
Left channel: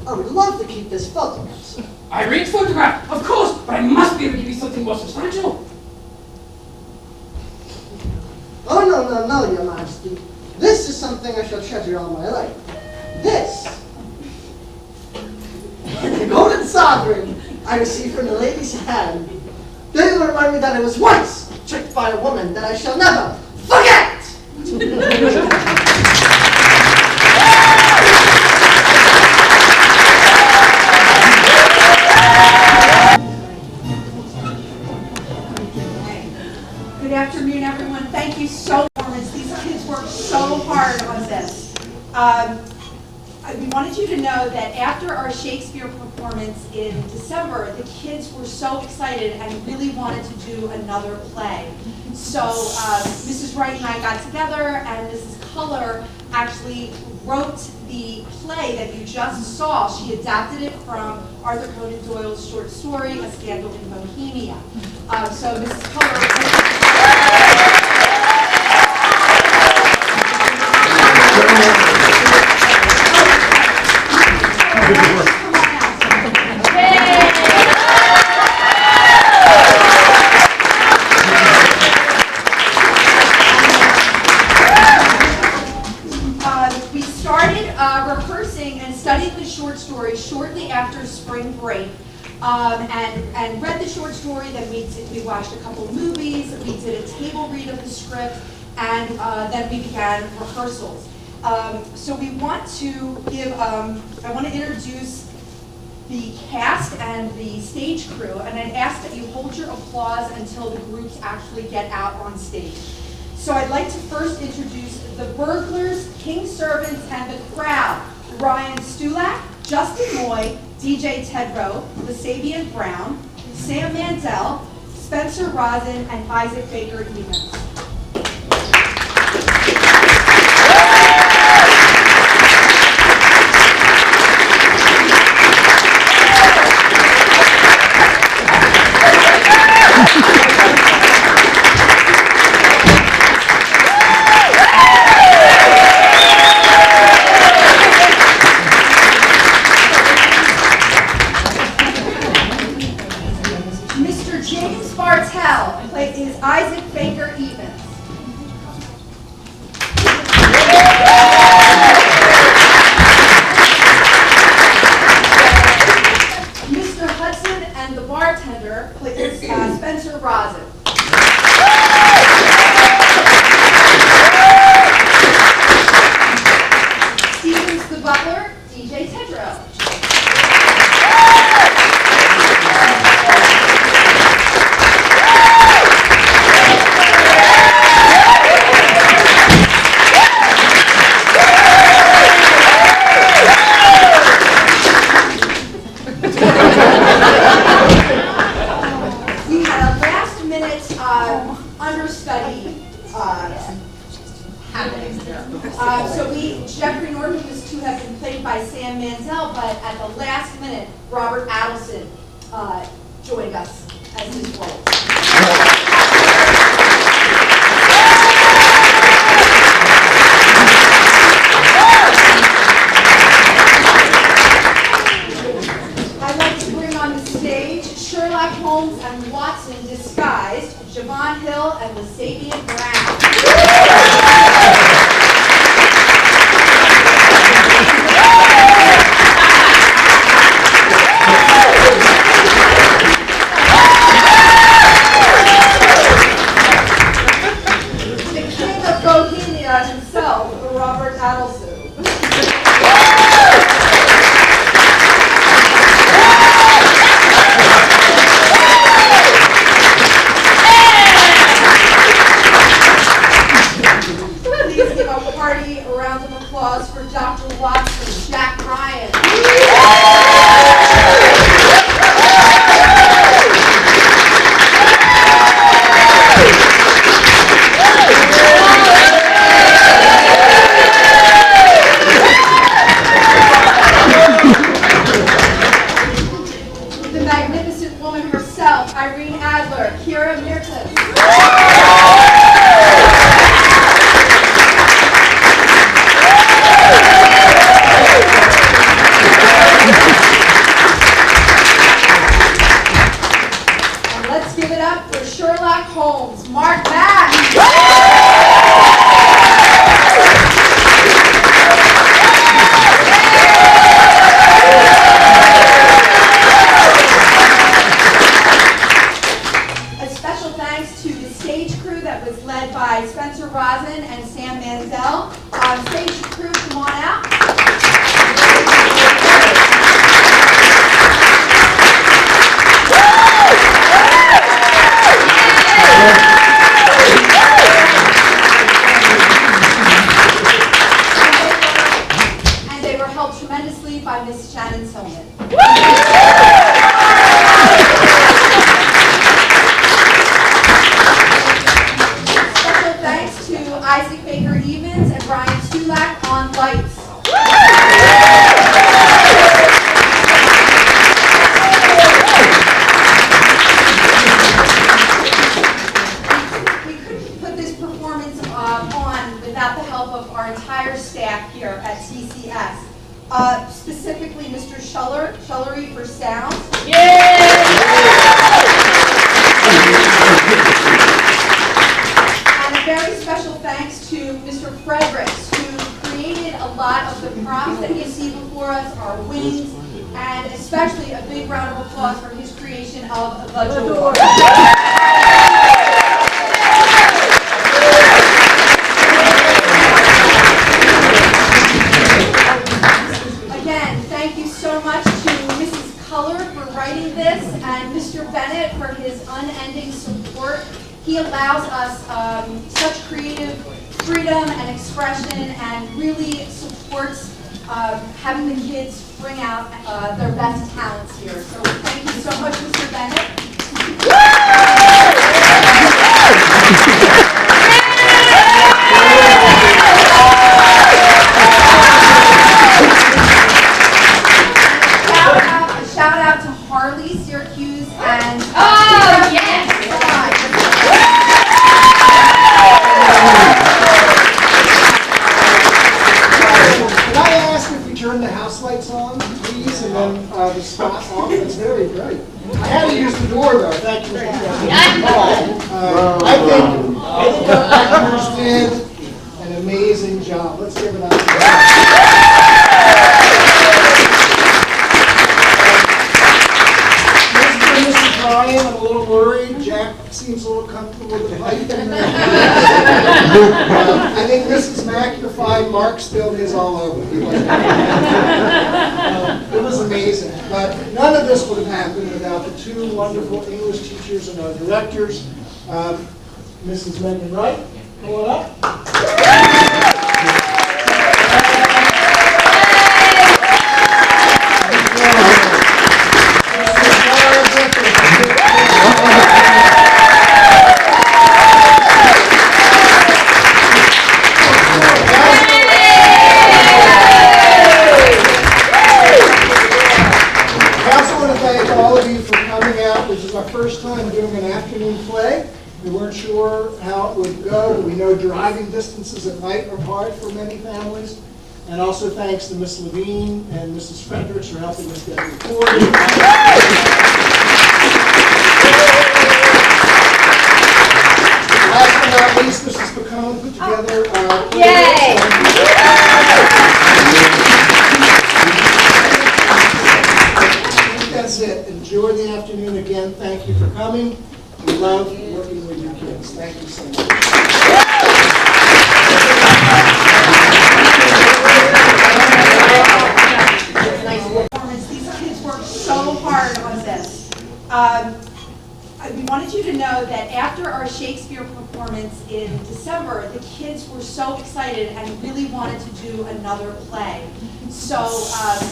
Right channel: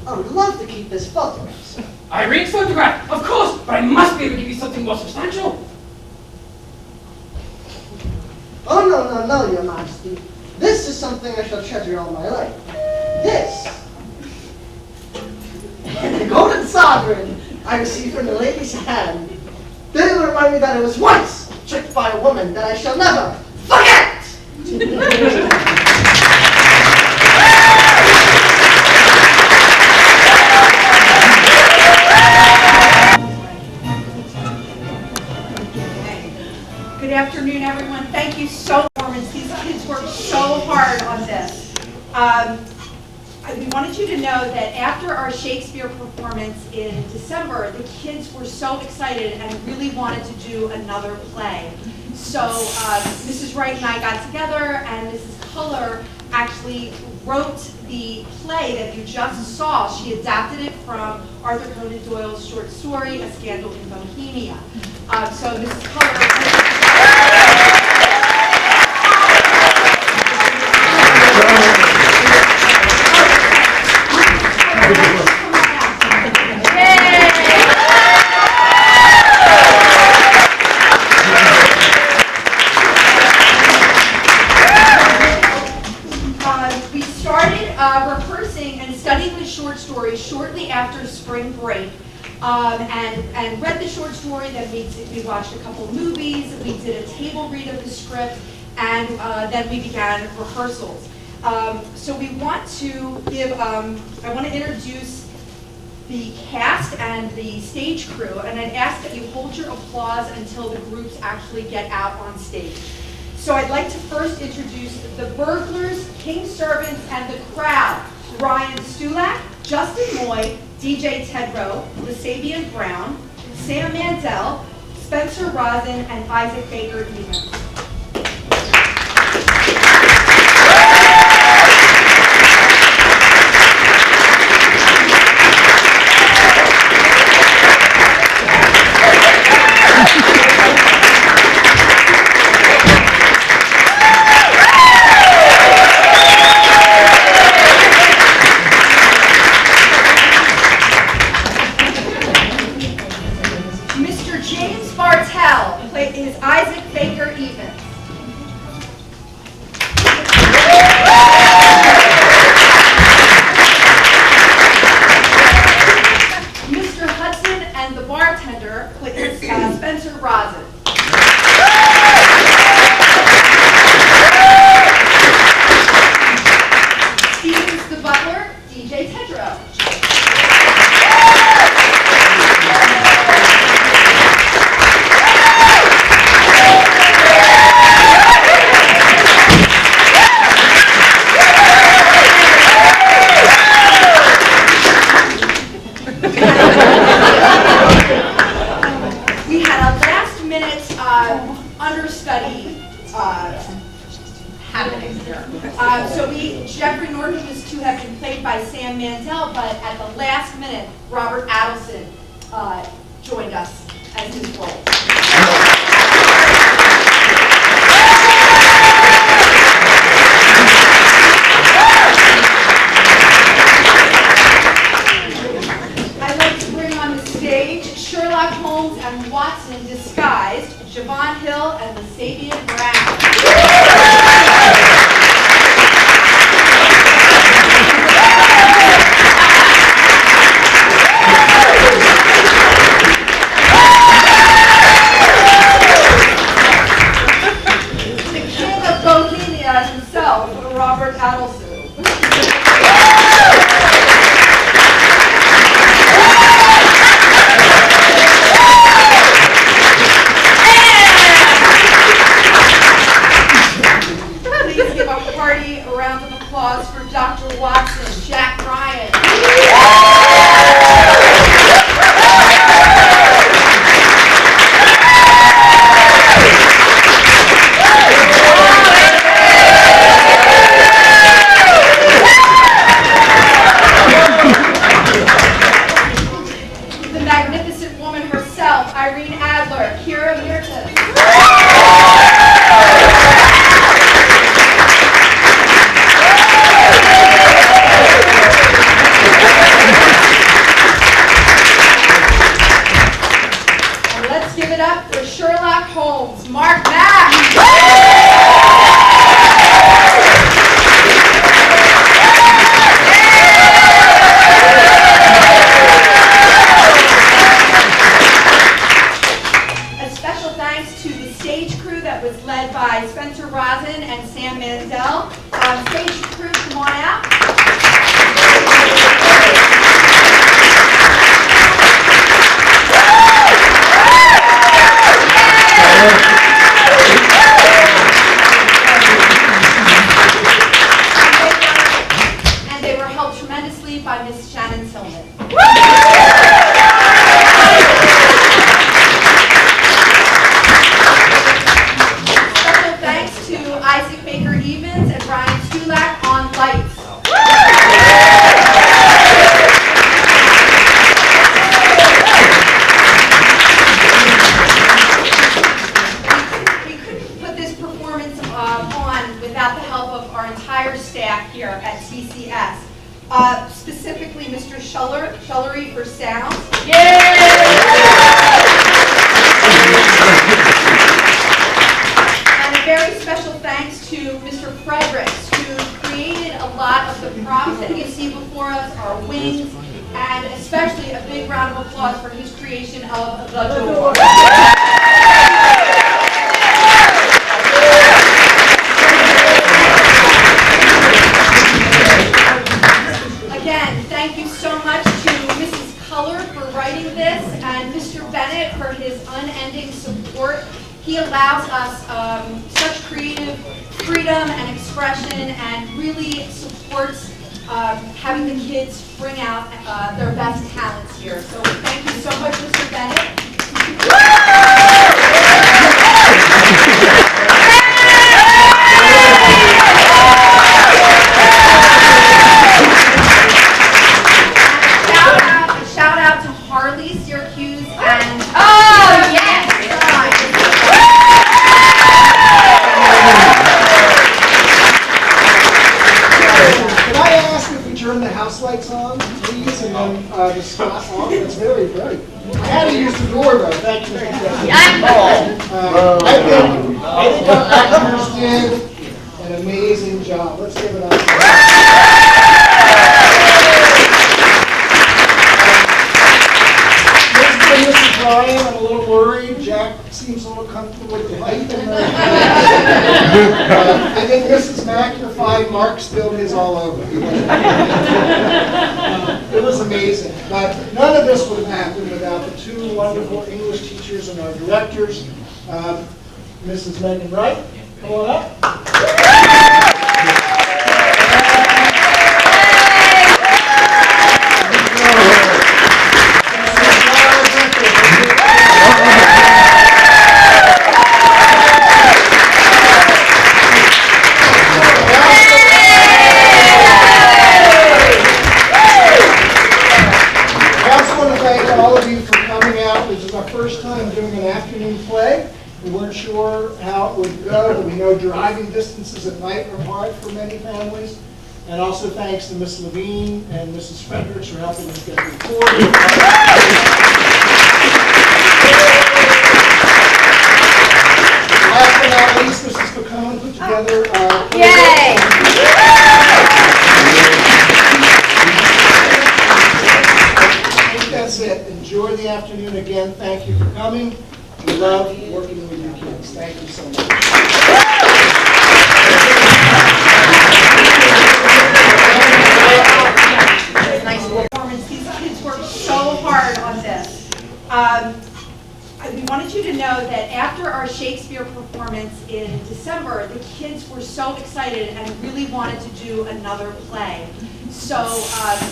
I would love to keep this photograph, sir. Irene's photograph, of course, but I must be able to give you something more substantial. Oh, no, no, no, your majesty. This is something I shall treasure all my life. This. The golden sovereign I received from the lady's hand. They will remind me that I was once tricked by a woman that I shall never forget! Good afternoon, everyone. Thank you so much. These kids worked so hard on this. We wanted you to know that after our Shakespeare performance in December, the kids were so excited and really wanted to do another play. So Mrs. Wright and I got together, and Mrs. Culler actually wrote the play that you just saw. She adapted it from Arthur Conan Doyle's short story, A Scandal in Bohemia. So Mrs. Culler... We started rehearsing and studying the short story shortly after spring break, and read the short story. Then we watched a couple movies. We did a table read of the script, and then we began rehearsals. So we want to give. I want to introduce the cast and the stage crew, and I'd ask that you hold your applause until the groups actually get out on stage. So I'd like to first introduce the burglars, king servants, and the crowd. Ryan Stulak, Justin Moy, DJ Tedrow, Lasabian Brown, Sam Mandel, Spencer Rosin, and Isaac Baker Evans. Mr. James Bartell is Isaac Baker Evans. Mr. Hudson and the bartender is Spencer Rosin. Stevens the butler, DJ Tedrow. We had a last-minute understudy happening here. Jeffrey Norton is to have been played by Sam Mandel, but at the last minute, Robert Adelson joined us as his role. I'd like to bring on the stage Sherlock Holmes and Watson disguised, Javon Hill and Lasabian Brown. The king of Bohemia himself, Robert Adelson. Please give a hearty round of applause for Dr. Watson, Jack Ryan. The magnificent woman herself, Irene Adler. Roselle. Stage crew, come on out. And they were helped tremendously by Miss Shannon Tillman. Special thanks to Isaac Baker Evans and Ryan Tulak on lights. We couldn't put this performance on without the help of our entire staff here at TCS. Specifically, Mr. Schullery for sound. And a very special thanks to Mr. Fredericks, who created a lot of the props that you see before us, our wings, and especially a big round of applause for his creation of the door. Again, thank you so much to Mrs. Culler for writing this and Mr. Bennett for his unending support. He allows us such creative freedom and expression and really supports having the kids bring out their best talents here. So thank you so much, Mr. Bennett. A shout out to Harley, Syracuse, and Can I ask if we turn the house lights on, please, and then the spot on? It's very bright. I had to use the door, though. Thank you, Mr. President. I think our actors did an amazing job. Let's give it up. Mr. and Mrs. Ryan, I'm a little worried. Jack seems a little comfortable with the light in there. I think Mrs. Mack, you're fine. Mark spilled his all over. It was amazing. But none of this would have happened without the two wonderful English teachers and our directors. Mrs. Megan Wright, come on up. This is our first time doing an afternoon play. We weren't sure how it would go, but we know driving distances at night are hard for many families. And also thanks to Miss Levine and Mrs. Fredericks for helping us get recorded. Last but not least, Mrs. Pacone put together Yay! That's it. Enjoy the afternoon again. Thank you for coming. We love working with your kids. Thank you so much. Nice performance. These kids worked so hard on this. We wanted you to know that after our Shakespeare performance in December, the kids were so excited and really wanted to do another play. So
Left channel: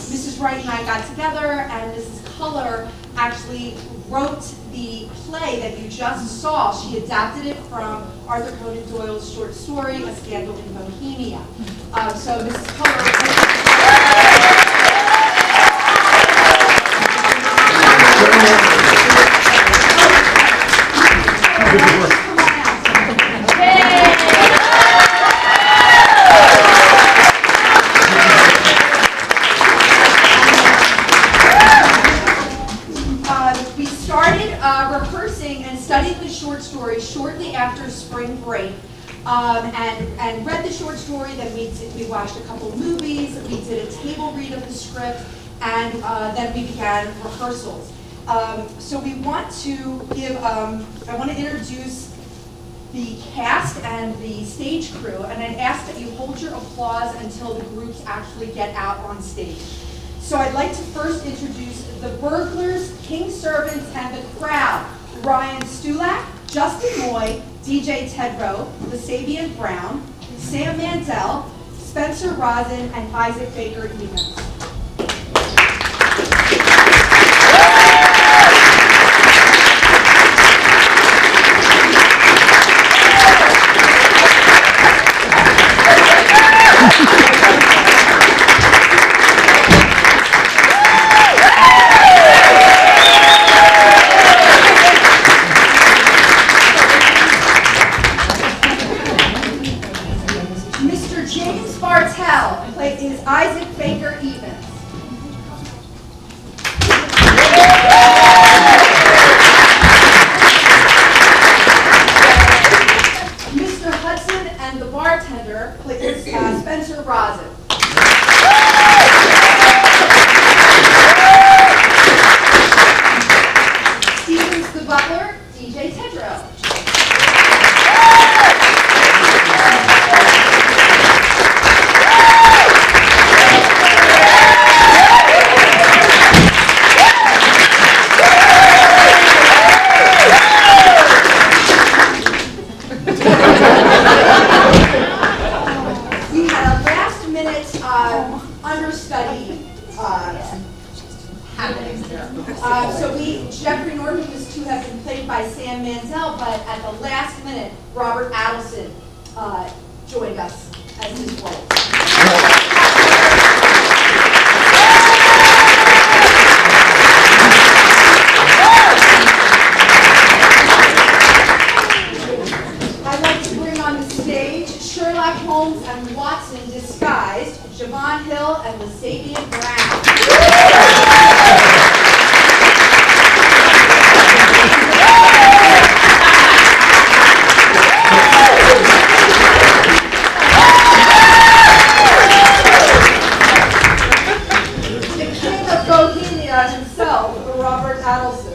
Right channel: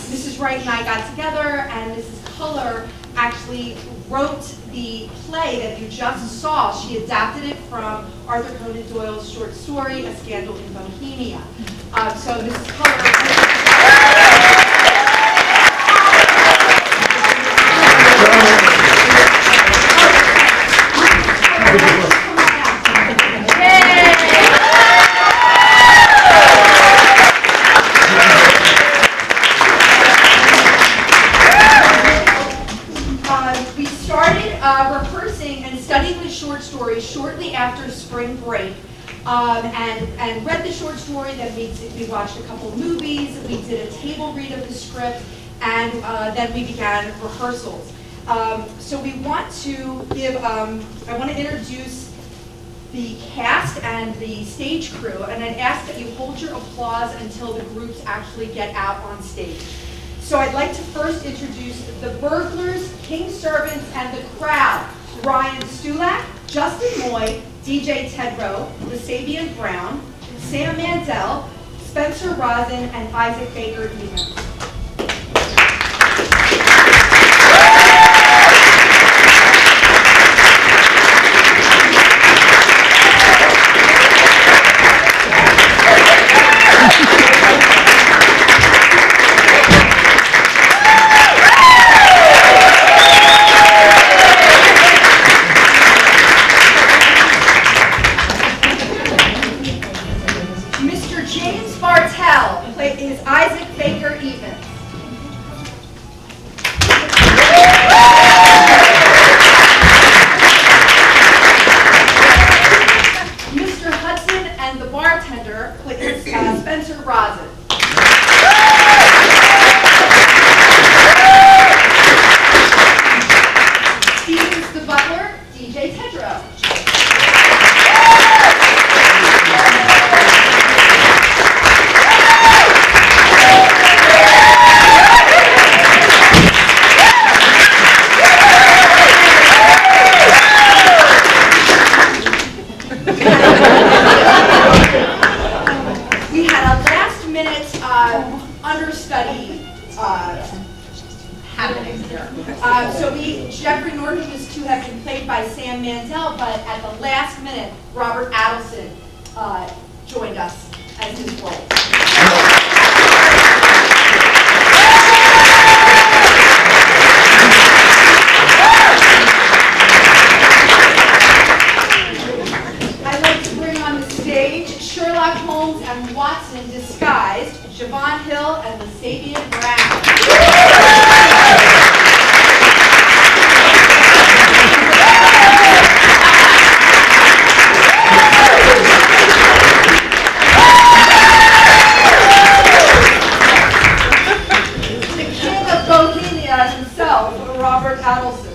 Mrs. Wright and I got together, and Mrs. Culler actually wrote the play that you just saw. She adapted it from Arthur Conan Doyle's short story, A Scandal in Bohemia. So Mrs. Culler... We started rehearsing and studying the short story shortly after spring break, and read the short story. Then we watched a couple movies. We did a table read of the script, and then we began rehearsals. So we want to give. I want to introduce the cast and the stage crew, and I'd ask that you hold your applause until the groups actually get out on stage. So I'd like to first introduce the burglars, King's servants, and the crowd. Ryan Stulak, Justin Moy, DJ Tedrow, Lasabian Brown, Sam Mansell, Spencer Rosin, and Isaac Baker Evans. Mr. James Bartell is Isaac Baker Evans. Mr. Hudson and the bartender is Spencer Rosin. Stevens the butler, DJ Tedrow. We had a last-minute understudy happening here. Jeffrey Norton was to have been played by Sam Mansell, but at the last minute, Robert Adelson joined us as his role. I'd like to bring on the stage Sherlock Holmes and Watson disguised, Javon Hill and Lasabian Brown. The king of Bohemia himself, Robert Adelson.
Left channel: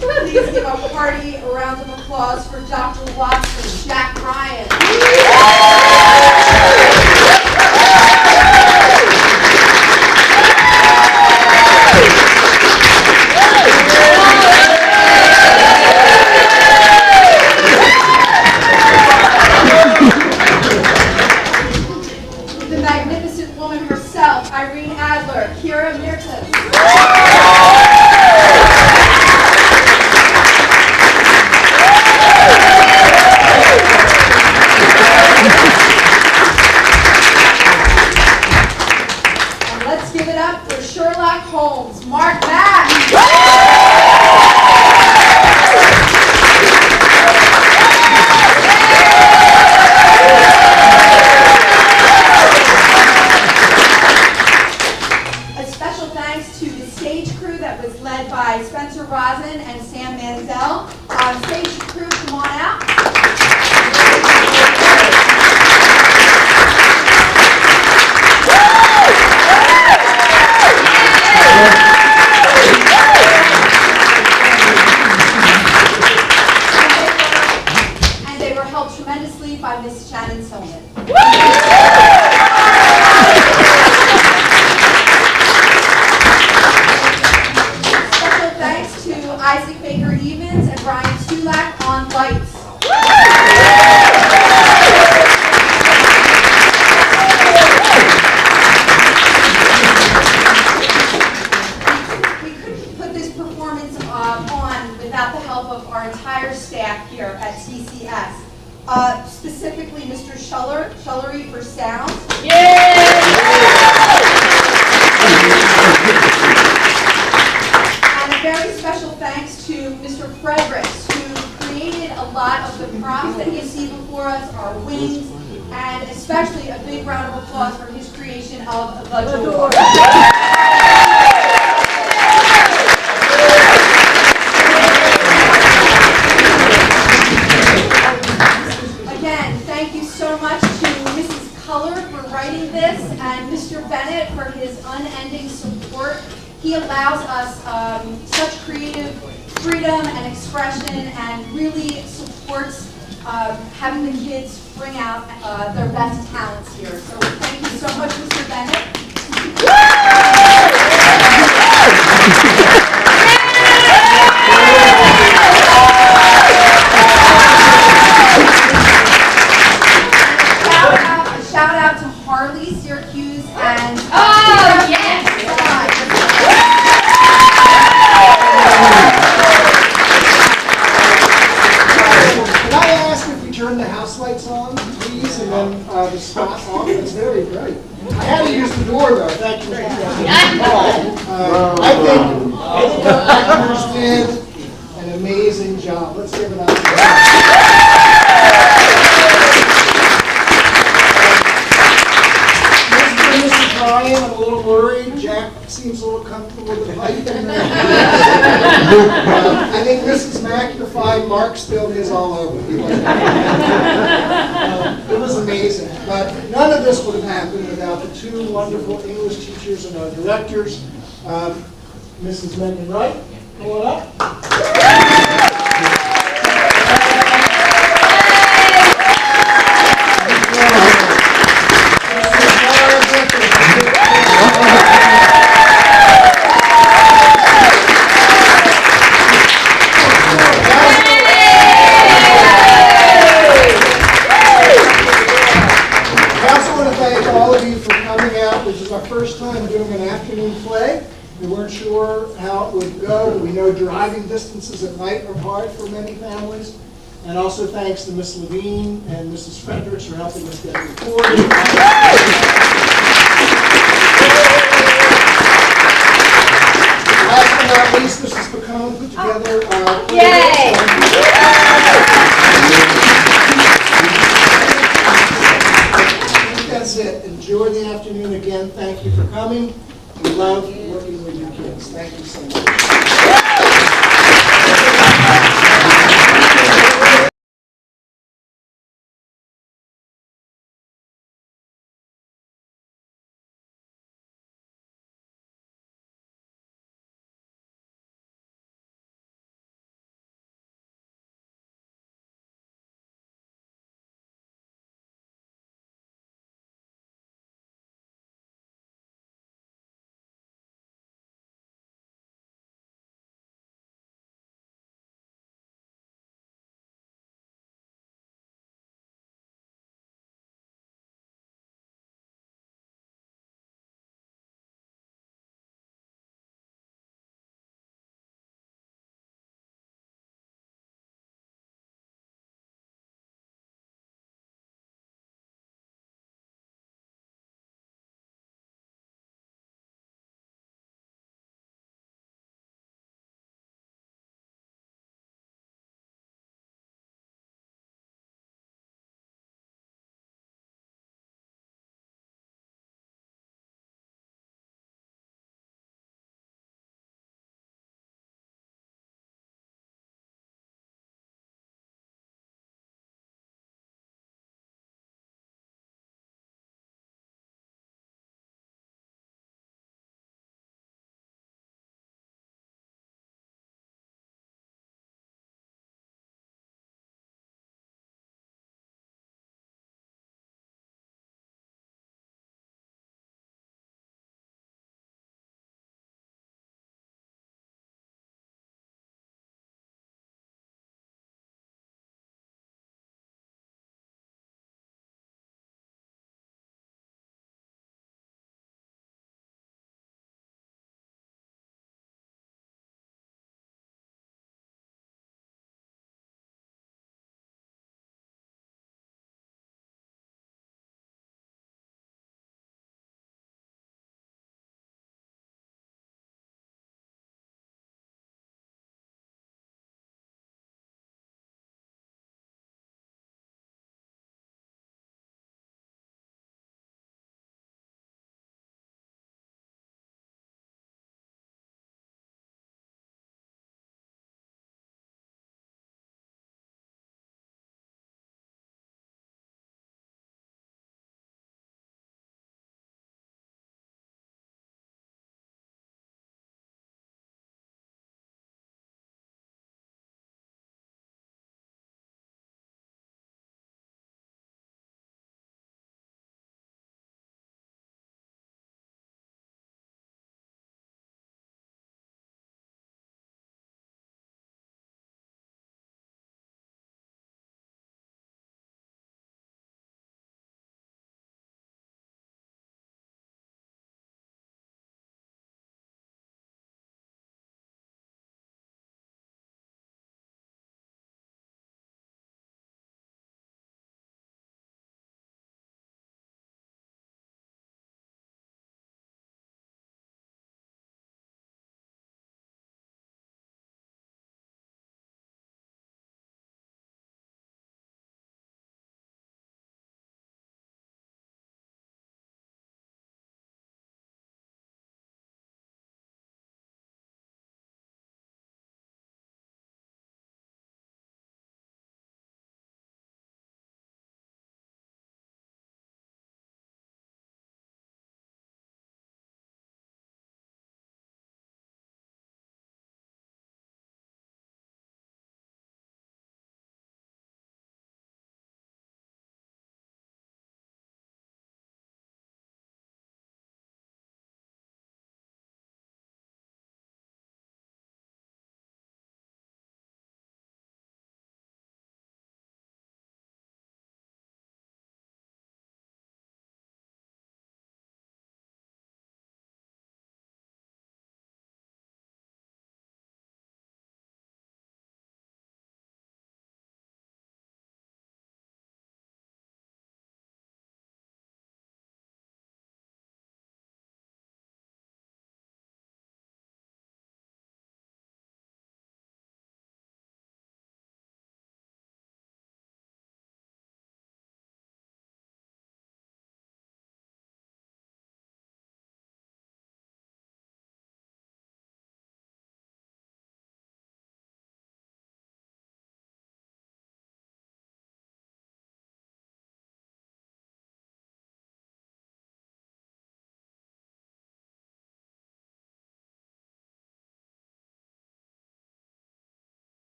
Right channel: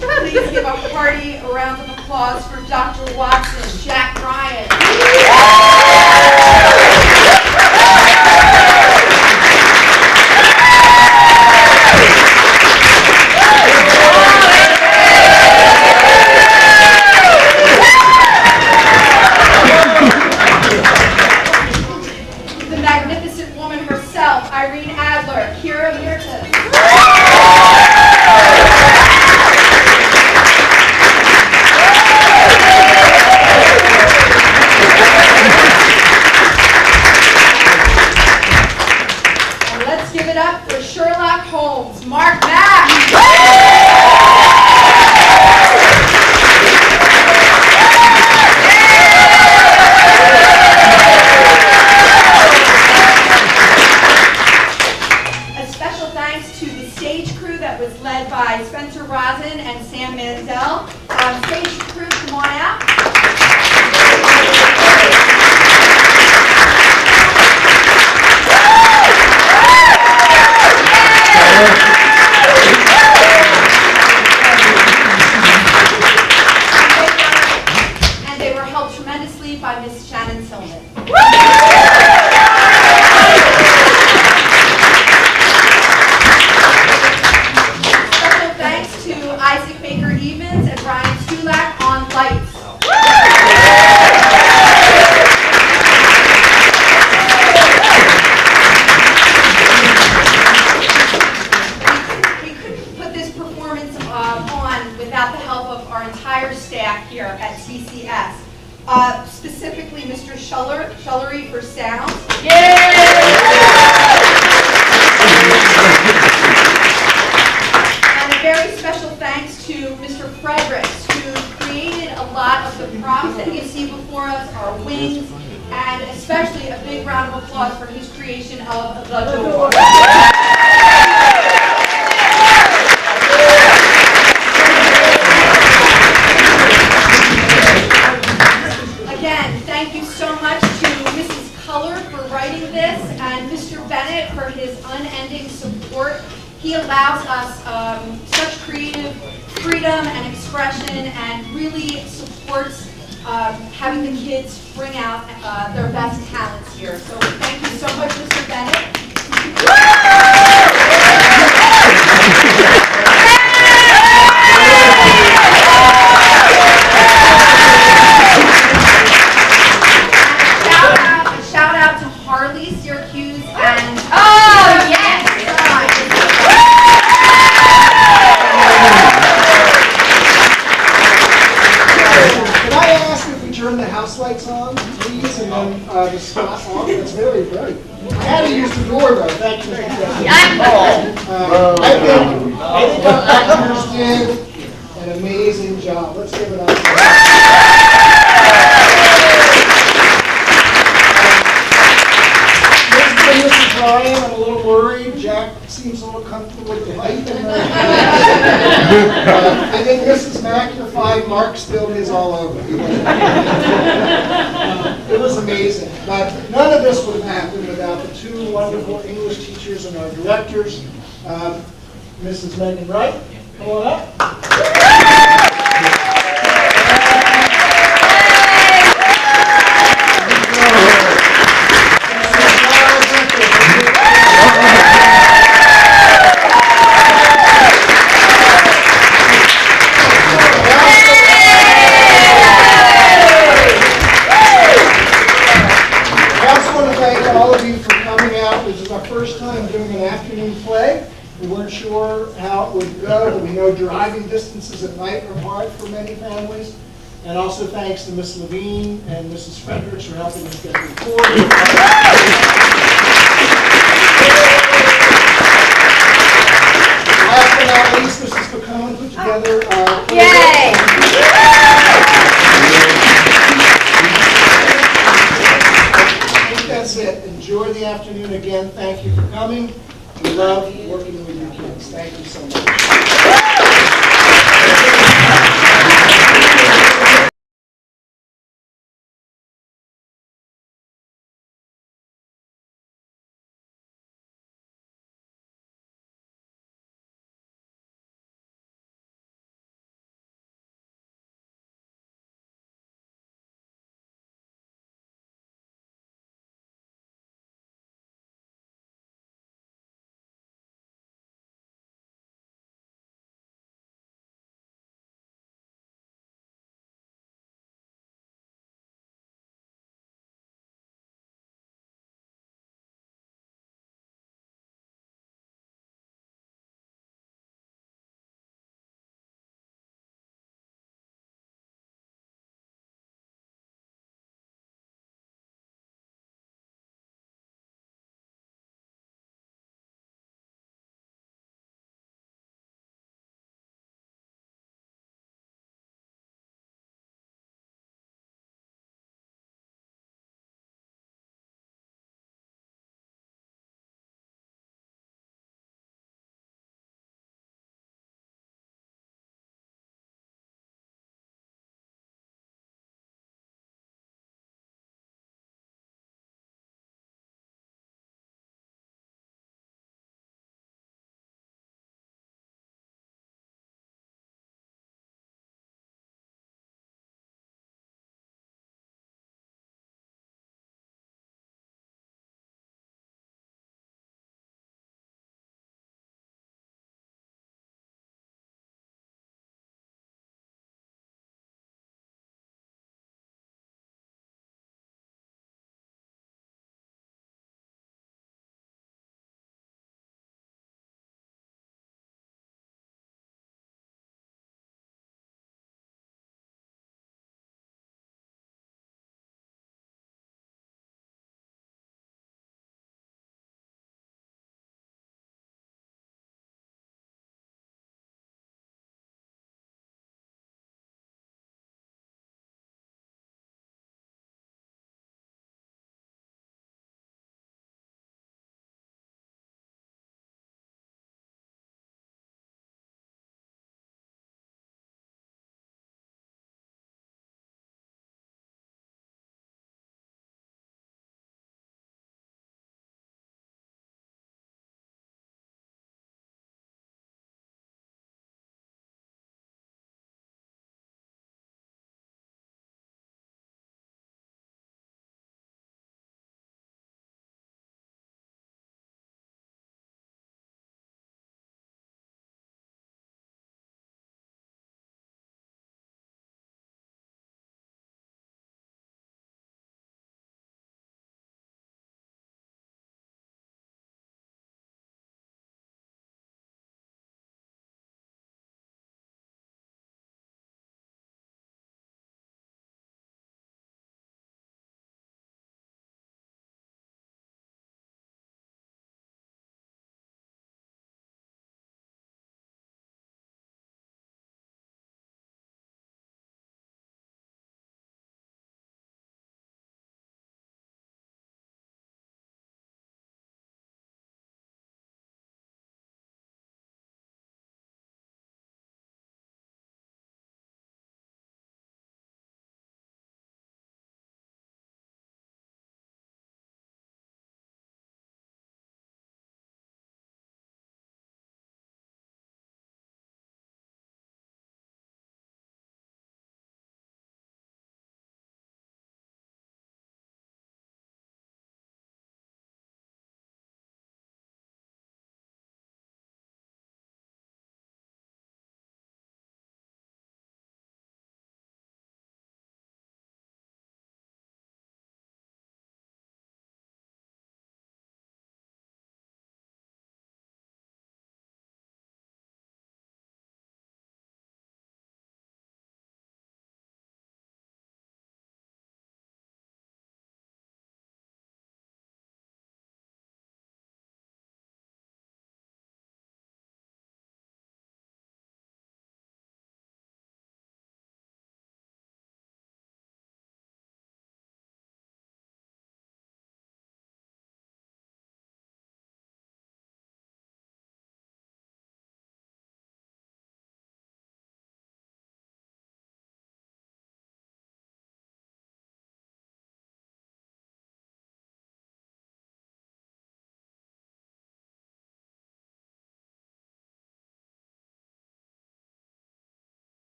Please give a hearty round of applause for Dr. Watson, Jack Ryan. The magnificent woman herself, Irene Adler, Kira Mirtas. And let's give it up for Sherlock Holmes, Mark Mack. A special thanks to the stage crew that was led by Spencer Rosin and Sam Mansell. Stage crew, come on out. And they were helped tremendously by Miss Shannon Tillman. Special thanks to Isaac Baker Evans and Ryan Stulak on lights. We couldn't put this performance on without the help of our entire staff here at TCS. Specifically Mr. Schullery for sound. And a very special thanks to Mr. Fredericks, who created a lot of the props that you see before us, our wings, and especially a big round of applause for his creation of the door. Again, thank you so much to Mrs. his unending support. He allows us such creative freedom and expression and really supports having the kids bring out their best talents here. So thank you so much, Mr. Bennett. A shout out to Harley, Syracuse, and Can I ask if we turn the house lights on, please, and then the spot on? It's very bright. I had to use the door, though. Thank you, Mr. President. I think our actors did an amazing job. Let's give it up. Mr. and Mrs. Ryan, I'm a little worried. Jack seems a little comfortable with the pipe in there. I think Mrs. Mack, you're fine. Mark spilled his all over. It was amazing. But none of this would have happened without the two wonderful English teachers and our directors. Mrs. Megan Wright, come on up. First time doing an afternoon play. We weren't sure how it would go, but we know driving distances at night are hard for many families. And also thanks to Miss Levine and Mrs. Fredericks for helping us get recorded. Last but not least, Mrs. Pacone put together Yay! That's it. Enjoy the afternoon again. Thank you for coming. We love working with your kids. Thank you so much.